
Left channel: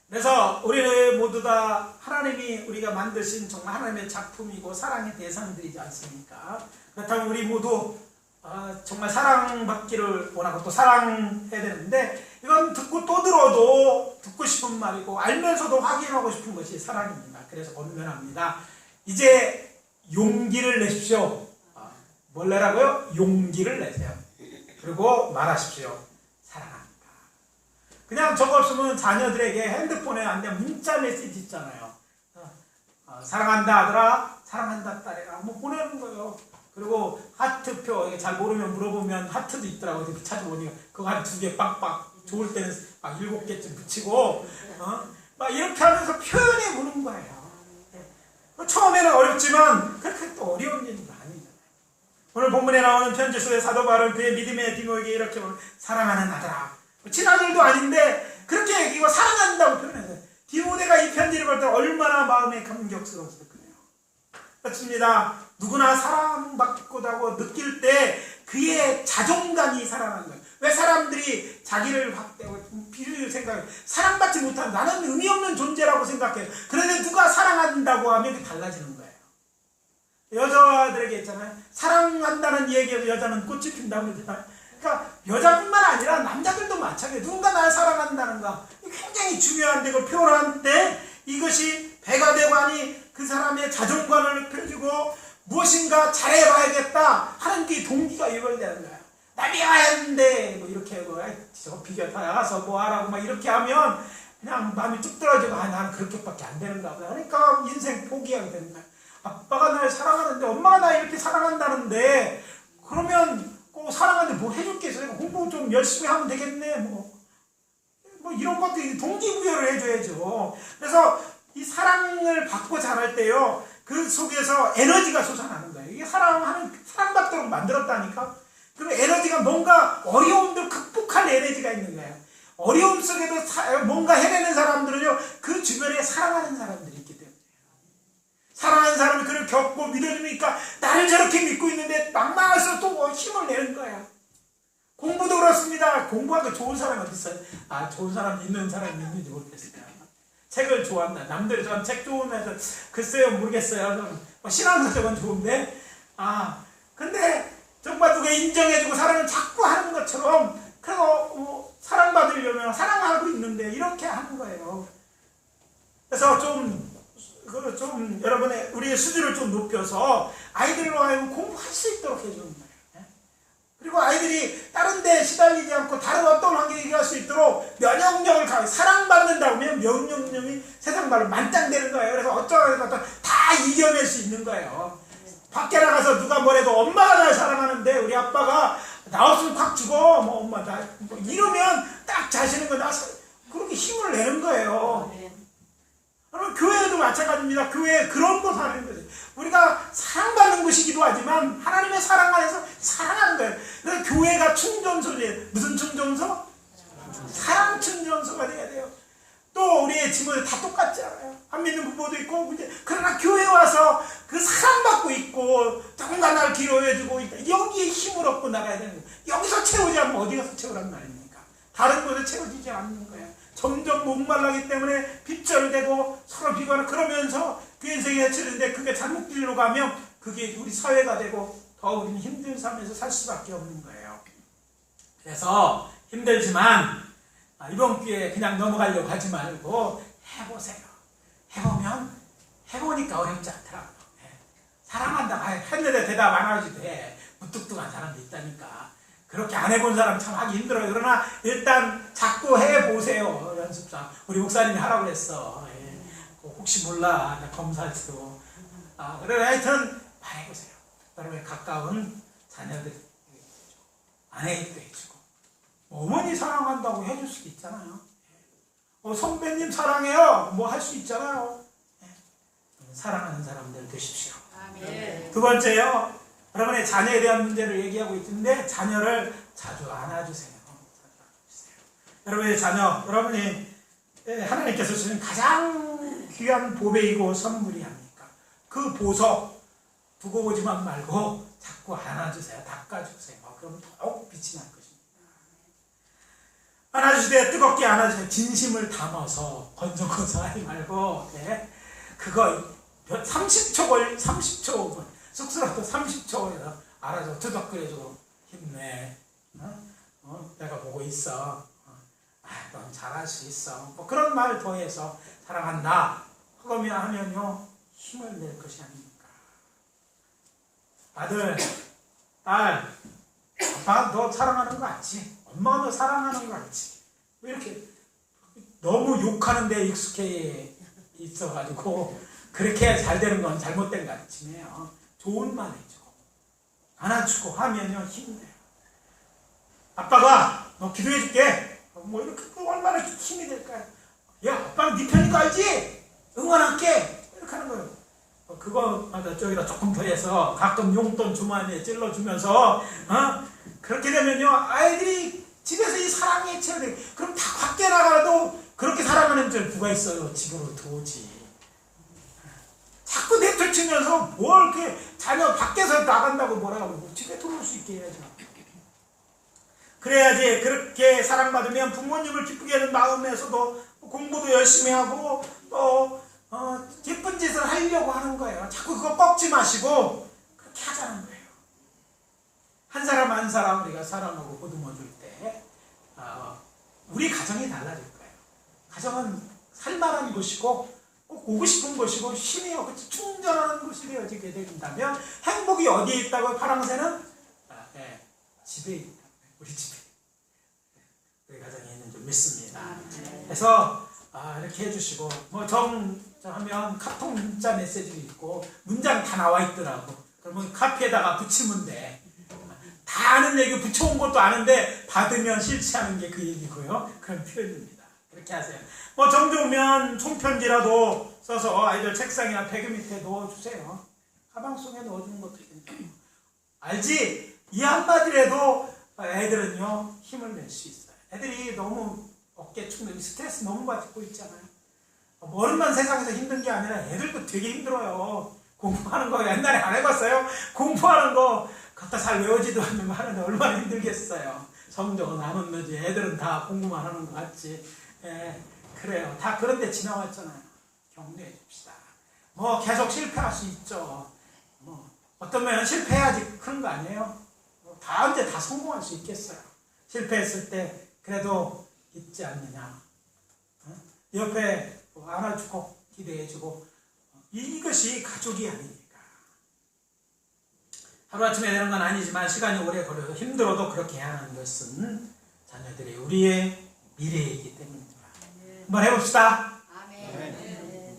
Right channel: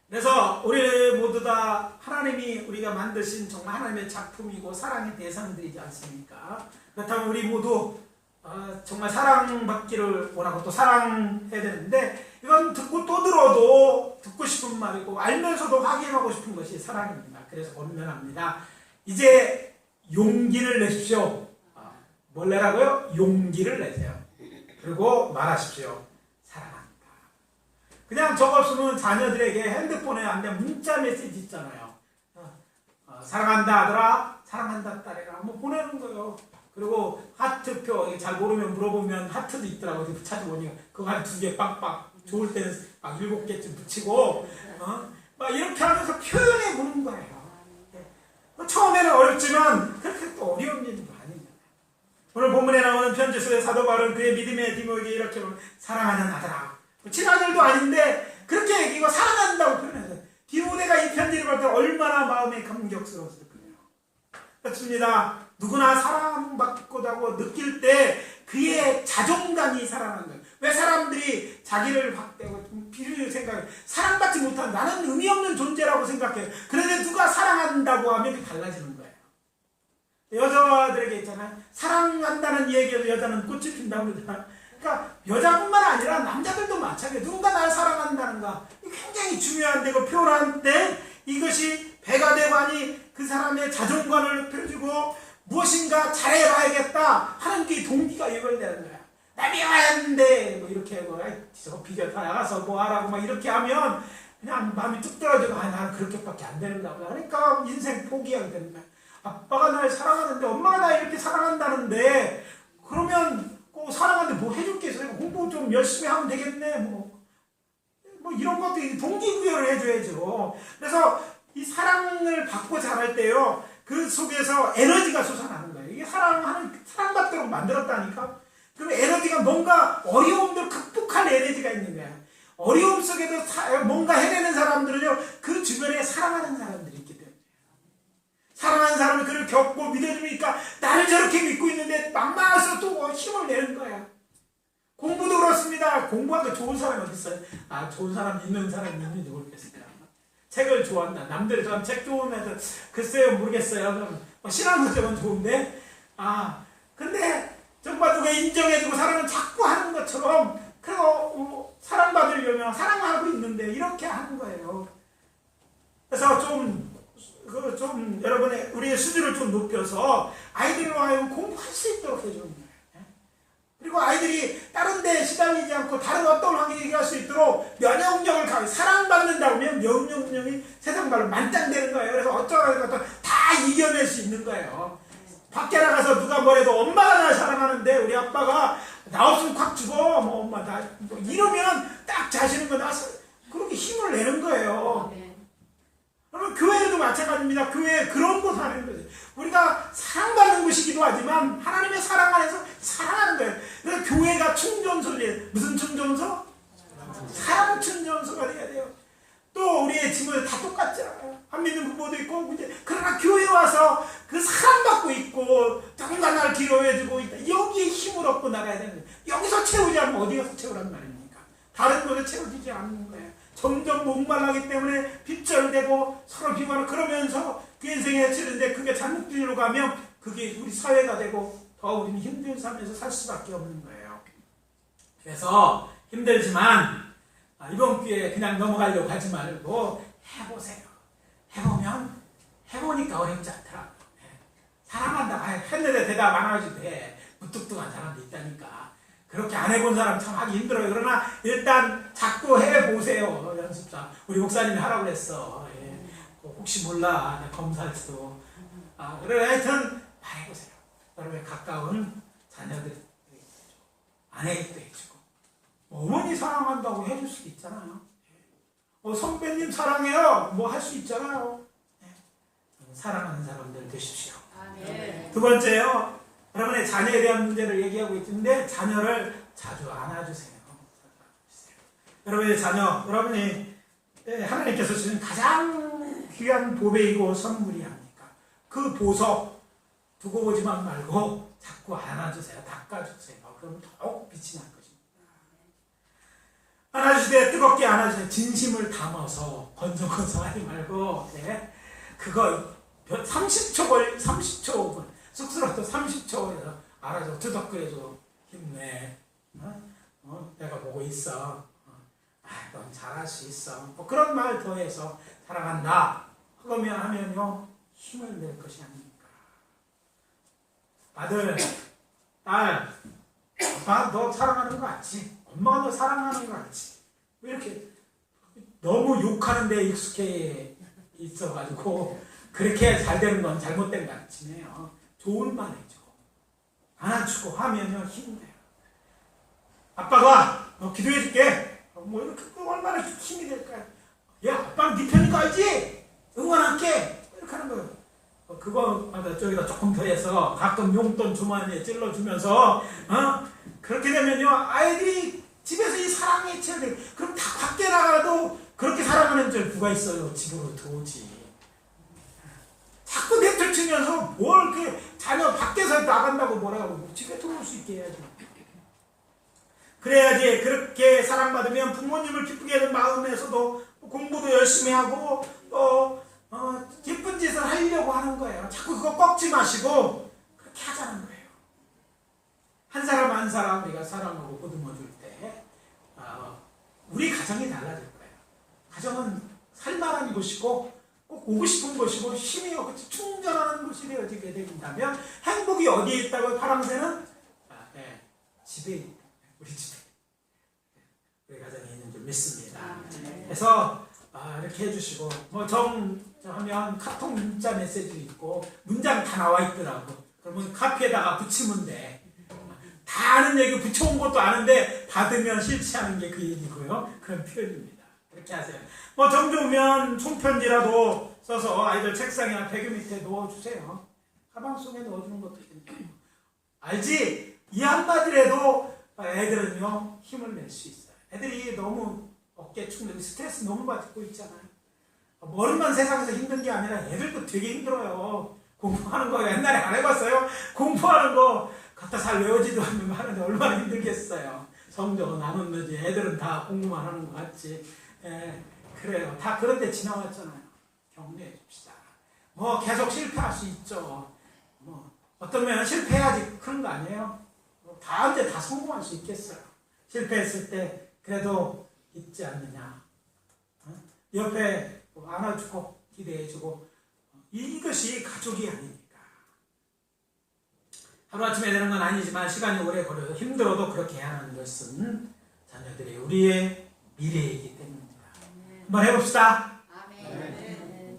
그래서 우리 모두 다 하나님이 우리가 만드신 정말 하나님의 작품이고 사랑의 대상들이지 않습니까? 그렇다면 우리 모두 정말 사랑받기를 원하고 또 사랑해야 되는데 이건 듣고 또 들어도 듣고 싶은 말이고 알면서도 확인하고 싶은 것이 사랑입니다. 그래서 권면합니다. 이제 용기를 내십시오. 뭘 내라고요? 용기를 내세요. 그리고 말하십시오. 사랑합니다. 그냥 저거 없으면 자녀들에게 핸드폰에 안 돼 문자 메시지 있잖아요. 사랑한다 아들아, 사랑한다 딸애가 뭐 보내는 거예요. 그리고 하트표 잘 모르면 물어보면 하트도 있더라고요. 찾아보니까 그거 한 2개 빡빡 좋을 때는 막 7개쯤 붙이고 막 이렇게 하면서 표현해 보는 거예요. 처음에는 어렵지만 그렇게 또 어려운 일도 아닙니다. 오늘 본문에 나오는 편지 속의 사도 바울은 그의 믿음의 디모에게 이렇게 사랑하는 아들아, 친아들도 아닌데 그렇게 얘기하고 사랑한다고 표현해서 디모데가 이 편지를 볼 때 얼마나 마음에 감격스러웠을까요? 그렇습니다. 누구나 사랑받고다고 느낄 때 그의 자존감이 살아나는 거예요. 왜 사람들이 자기를 확대하고 비를 생각해 사랑받지 못한 나는 의미 없는 존재라고 생각해요. 그런데 누가 사랑한다고 하면 그게 달라지는 거예요. 여자들에게 있잖아요. 사랑한다는 얘기에서 여자는 꽃이 핀다고 그러잖아요. 그러니까 여자뿐만 아니라 남자들도 마찬가지예요. 누군가 날 사랑한다는가 굉장히 중요한데 그 표현할 때 이것이 배가 되고 하니 그 사람의 자존감을 높여주고 무엇인가 잘해봐야겠다 하는 게 동기가 유발되는 거야. 남이 와야 했는데 뭐 이렇게 뭐 비교 다 나가서 뭐 하라고 막 이렇게 하면 그냥 마음이 뚝 떨어지고 나는 그렇게밖에 안 되는가 봐. 그러니까 인생 포기하게 되는 거야. 아빠가 날 사랑하는데 엄마가 날 이렇게 사랑한다는데 그러면 꼭 사랑하는데 뭐 해줄 게 있어요? 공부 좀 열심히 하면 되겠네 뭐 이런 것들이 동기부여를 해줘야죠. 그래서 이 사랑을 받고 자랄 때요 그 속에서 에너지가 솟아나는 거예요. 이게 사랑받도록 만들었다니까. 그리고 에너지가 뭔가 어려움도 극복할 에너지가 있는 거예요. 어려움 속에도 뭔가 해내는 사람들은요 그 주변에 사랑하는 사람들이 있기 때문에 사랑하는 사람이 그를 겪고 믿어주니까 나를 저렇게 믿고 있는데 막막해서 또 힘을 내는 거예요. 공부도 그렇습니다. 공부하기 좋은 사람이 어디 있어요? 좋은 사람 있는 사람이 있는지 모르겠어요. 책을 좋아한다. 남들이 좋아하는 책 좋으면서 글쎄요 모르겠어요. 신앙서적은 좋은데 근데 정말 누가 인정해주고 사랑을 자꾸 하는 것처럼 그래서 사랑받으려면 사랑하고 있는데 이렇게 하는 거예요. 그래서 좀 여러분의 우리의 수준을 좀 높여서 아이들로 하여금 공부할 수 있도록 해주는 거예요. 그리고 아이들이 다른 데 시달리지 않고 다른 어떤 환경에 이겨갈 수 있도록 면역력을 가지고 사랑받는다고 하면 면역력이 세상 말로 만땅되는 거예요. 그래서 어떤 것도 다 이겨낼 수 있는 거예요. 밖에 나가서 누가 뭐래도 엄마가 날 사랑하는데 우리 아빠가 나 없으면 콱 죽어 뭐 엄마 나 이러면 딱 자신은 거 나서 그렇게 힘을 내는 거예요. 그럼 교회도 마찬가지입니다. 교회에 그런 거 하는 거예요. 우리가 사랑받는 곳이기도 하지만 하나님의 사랑 안에서 사랑하는 거예요. 그래서 교회가 충전소예요. 무슨 충전소? 사랑 충전소가 돼야 돼요. 또 우리의 친구들 다 똑같지 않아요. 안 믿는 부모도 있고 그러나 교회 와서 그 사랑받고 있고 누군가 나를 기록해주고 있다. 여기에 힘을 얻고 나가야 되는 거예요. 여기서 채우지 않으면 어디 가서 채우란 말입니까? 다른 곳에 채워지지 않는 거예요. 점점 목말라기 때문에 빗절되고 서로 비관을 그러면서 그 인생이 해치는데 그게 잘못 길로 가면 그게 우리 사회가 되고 더 우리는 힘든 삶에서 살 수밖에 없는 거예요. 그래서 힘들지만 이번 기회에 그냥 넘어가려고 하지 말고 해보세요. 해보면 해보니까 어렵지 않더라고요. 사랑한다 했는데 대답 안 하지 돼. 무뚝뚝한 사람도 있다니까. 그렇게 안 해본 사람 참 하기 힘들어요. 그러나 일단 자꾸 해보세요. 연습상. 우리 목사님이 하라고 그랬어. 혹시 몰라. 검사할 수도. 그래 하여튼 해보세요. 여러분의 가까운 자녀들 아내도 해주고 어머니 사랑한다고 해줄 수도 있잖아요. 선배님 사랑해요. 뭐 할 수 있잖아요. 사랑하는 사람들 되십시오. 두 번째요. 여러분의 자녀에 대한 문제를 얘기하고 있는데 자녀를 자주 안아주세요. 여러분의 자녀, 여러분이 하나님께서 주신 가장 귀한 보배이고 선물이 아닙니까? 그 보석 두고 보지만 말고 자꾸 안아주세요. 닦아주세요. 그럼 더욱 빛이 날 것입니다. 안아주실 때 뜨겁게 안아주세요. 진심을 담아서 건져건져 하지 말고 그거 30초 쑥스럽고 30초에서 알아줘. 투덕거려줘. 힘내. 내가 보고 있어. 넌 잘할 수 있어. 뭐 그런 말 더해서 사랑한다 하면요 힘을 낼 것이 아닙니까? 아들, 딸, 아빠가 너 사랑하는 거 알지? 엄마가 너 사랑하는 거 알지? 왜 이렇게 너무 욕하는 데 익숙해 있어가지고 그렇게 잘 되는 건 잘못된 거 아니에요. 좋은 말 해주고 안아주고 하면요 힘내요. 아빠가 너 기도해줄게. 뭐 이렇게 얼마나 힘이 될까요? 야, 아빠는 네 편인 거 알지? 응원할게. 이렇게 하는 거예요. 그거 저기다 조금 더해서 가끔 용돈 주머니에 찔러주면서 그렇게 되면요 아이들이 집에서 이 사랑에 채워져. 그럼 다 밖에 나가도 그렇게 사랑하는 줄 누가 있어요? 집으로 들어오지. 자꾸 내쫓으면서 뭘 이렇게 자녀 밖에서 나간다고 뭐라고 집에 들어올 수 있게 해야지. 그래야지. 그렇게 사랑받으면 부모님을 기쁘게 하는 마음에서도 공부도 열심히 하고 또 예쁜 짓을 하려고 하는 거예요. 자꾸 그거 꺾지 마시고 그렇게 하자는 거예요. 한 사람 한 사람 우리가 사랑하고 보듬어 줄 때 우리 가정이 달라질 거예요. 가정은 살만한 곳이고 꼭 오고 싶은 곳이고 힘이 충전하는 곳이 되어지게 된다면 행복이 어디에 있다고 파랑새는 집에 있다. 우리 집에 우리 가정에 있는 줄 믿습니다. 그래서 이렇게 해주시고 뭐 하면 카톡 문자 메시지도 있고 문장 다 나와 있더라고. 그러면 카피에다가 붙이면 돼. 다 아는 얘기 붙여온 것도 아는데 받으면 실체하는 게 그 얘기고요. 그런 표현입니다. 그렇게 하세요. 뭐 정도 오면 손편지라도 써서 아이들 책상이나 베개 밑에 넣어주세요. 가방 속에 넣어주는 것도 있거든요. 알지? 이 한마디라도 애들은요 힘을 낼 수 있어요. 애들이 너무 어깨 축는 스트레스 너무 받고 있잖아요. 어른만 세상에서 힘든 게 아니라 애들도 되게 힘들어요. 공부하는 거 옛날에 안 해봤어요? 공부하는 거 갖다 잘 외우지도 않는 거 하는데 얼마나 힘들겠어요. 성적은 안 오르지. 애들은 다 공부만 하는 거 같지. 그래요. 다 그런데 지나왔잖아요. 격려해 줍시다. 뭐 계속 실패할 수 있죠. 뭐 어떤 면은 실패해야지 그런 거 아니에요? 다 언제 다 성공할 수 있겠어요. 실패했을 때 그래도 있지 않느냐. 옆에 안아주고 기대해주고 이것이 가족이 아닙니까? 하루아침에 되는 건 아니지만 시간이 오래 걸려요. 힘들어도 그렇게 해야 하는 것은 자녀들이 우리의 미래이기 때문입니다. 한번 해봅시다.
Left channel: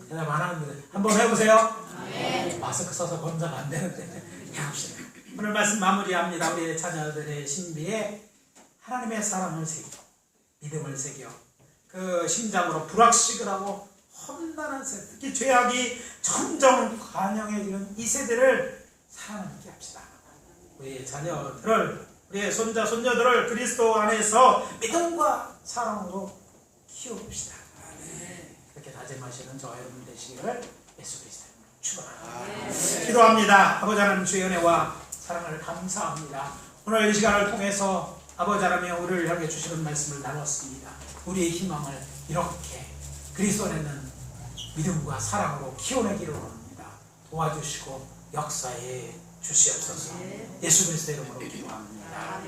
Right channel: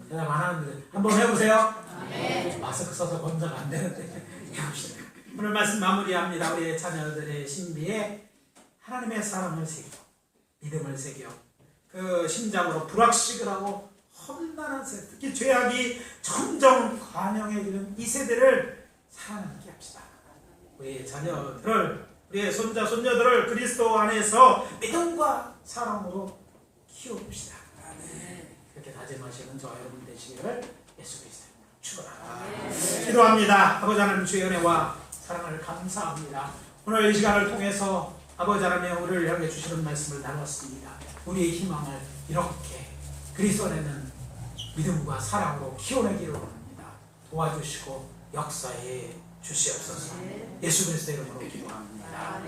대답 안 하는데 한번 해보세요. 마스크 써서 검사가 안 되는데 해봅시다. 오늘 말씀 마무리합니다. 우리의 자녀들의 신비에 하나님의 사랑을 새기고 믿음을 새겨 그 심장으로 불확실을 하고 험난한 세대, 특히 죄악이 점점 관영에 이른 이 세대를 사랑하게 합시다. 우리의 자녀들을, 우리의 손자, 손녀들을 그리스도 안에서 믿음과 사랑으로 키워봅시다. 그렇게 다짐하시는 저 여러분 되시기를 예수 그리스도의 축원합니다. 기도합니다. 아버지 하나님 주의 은혜와 사랑을 감사합니다. 오늘 이 시간을 통해서 아버지 하나님 우리를 향해 주시는 말씀을 나눴습니다. 우리의 희망을 이렇게 그리스도 안에는 믿음과 사랑으로 키워내기를 원합니다. 도와주시고 역사에 주시옵소서. 예수 그리스도의 이름으로 기도합니다.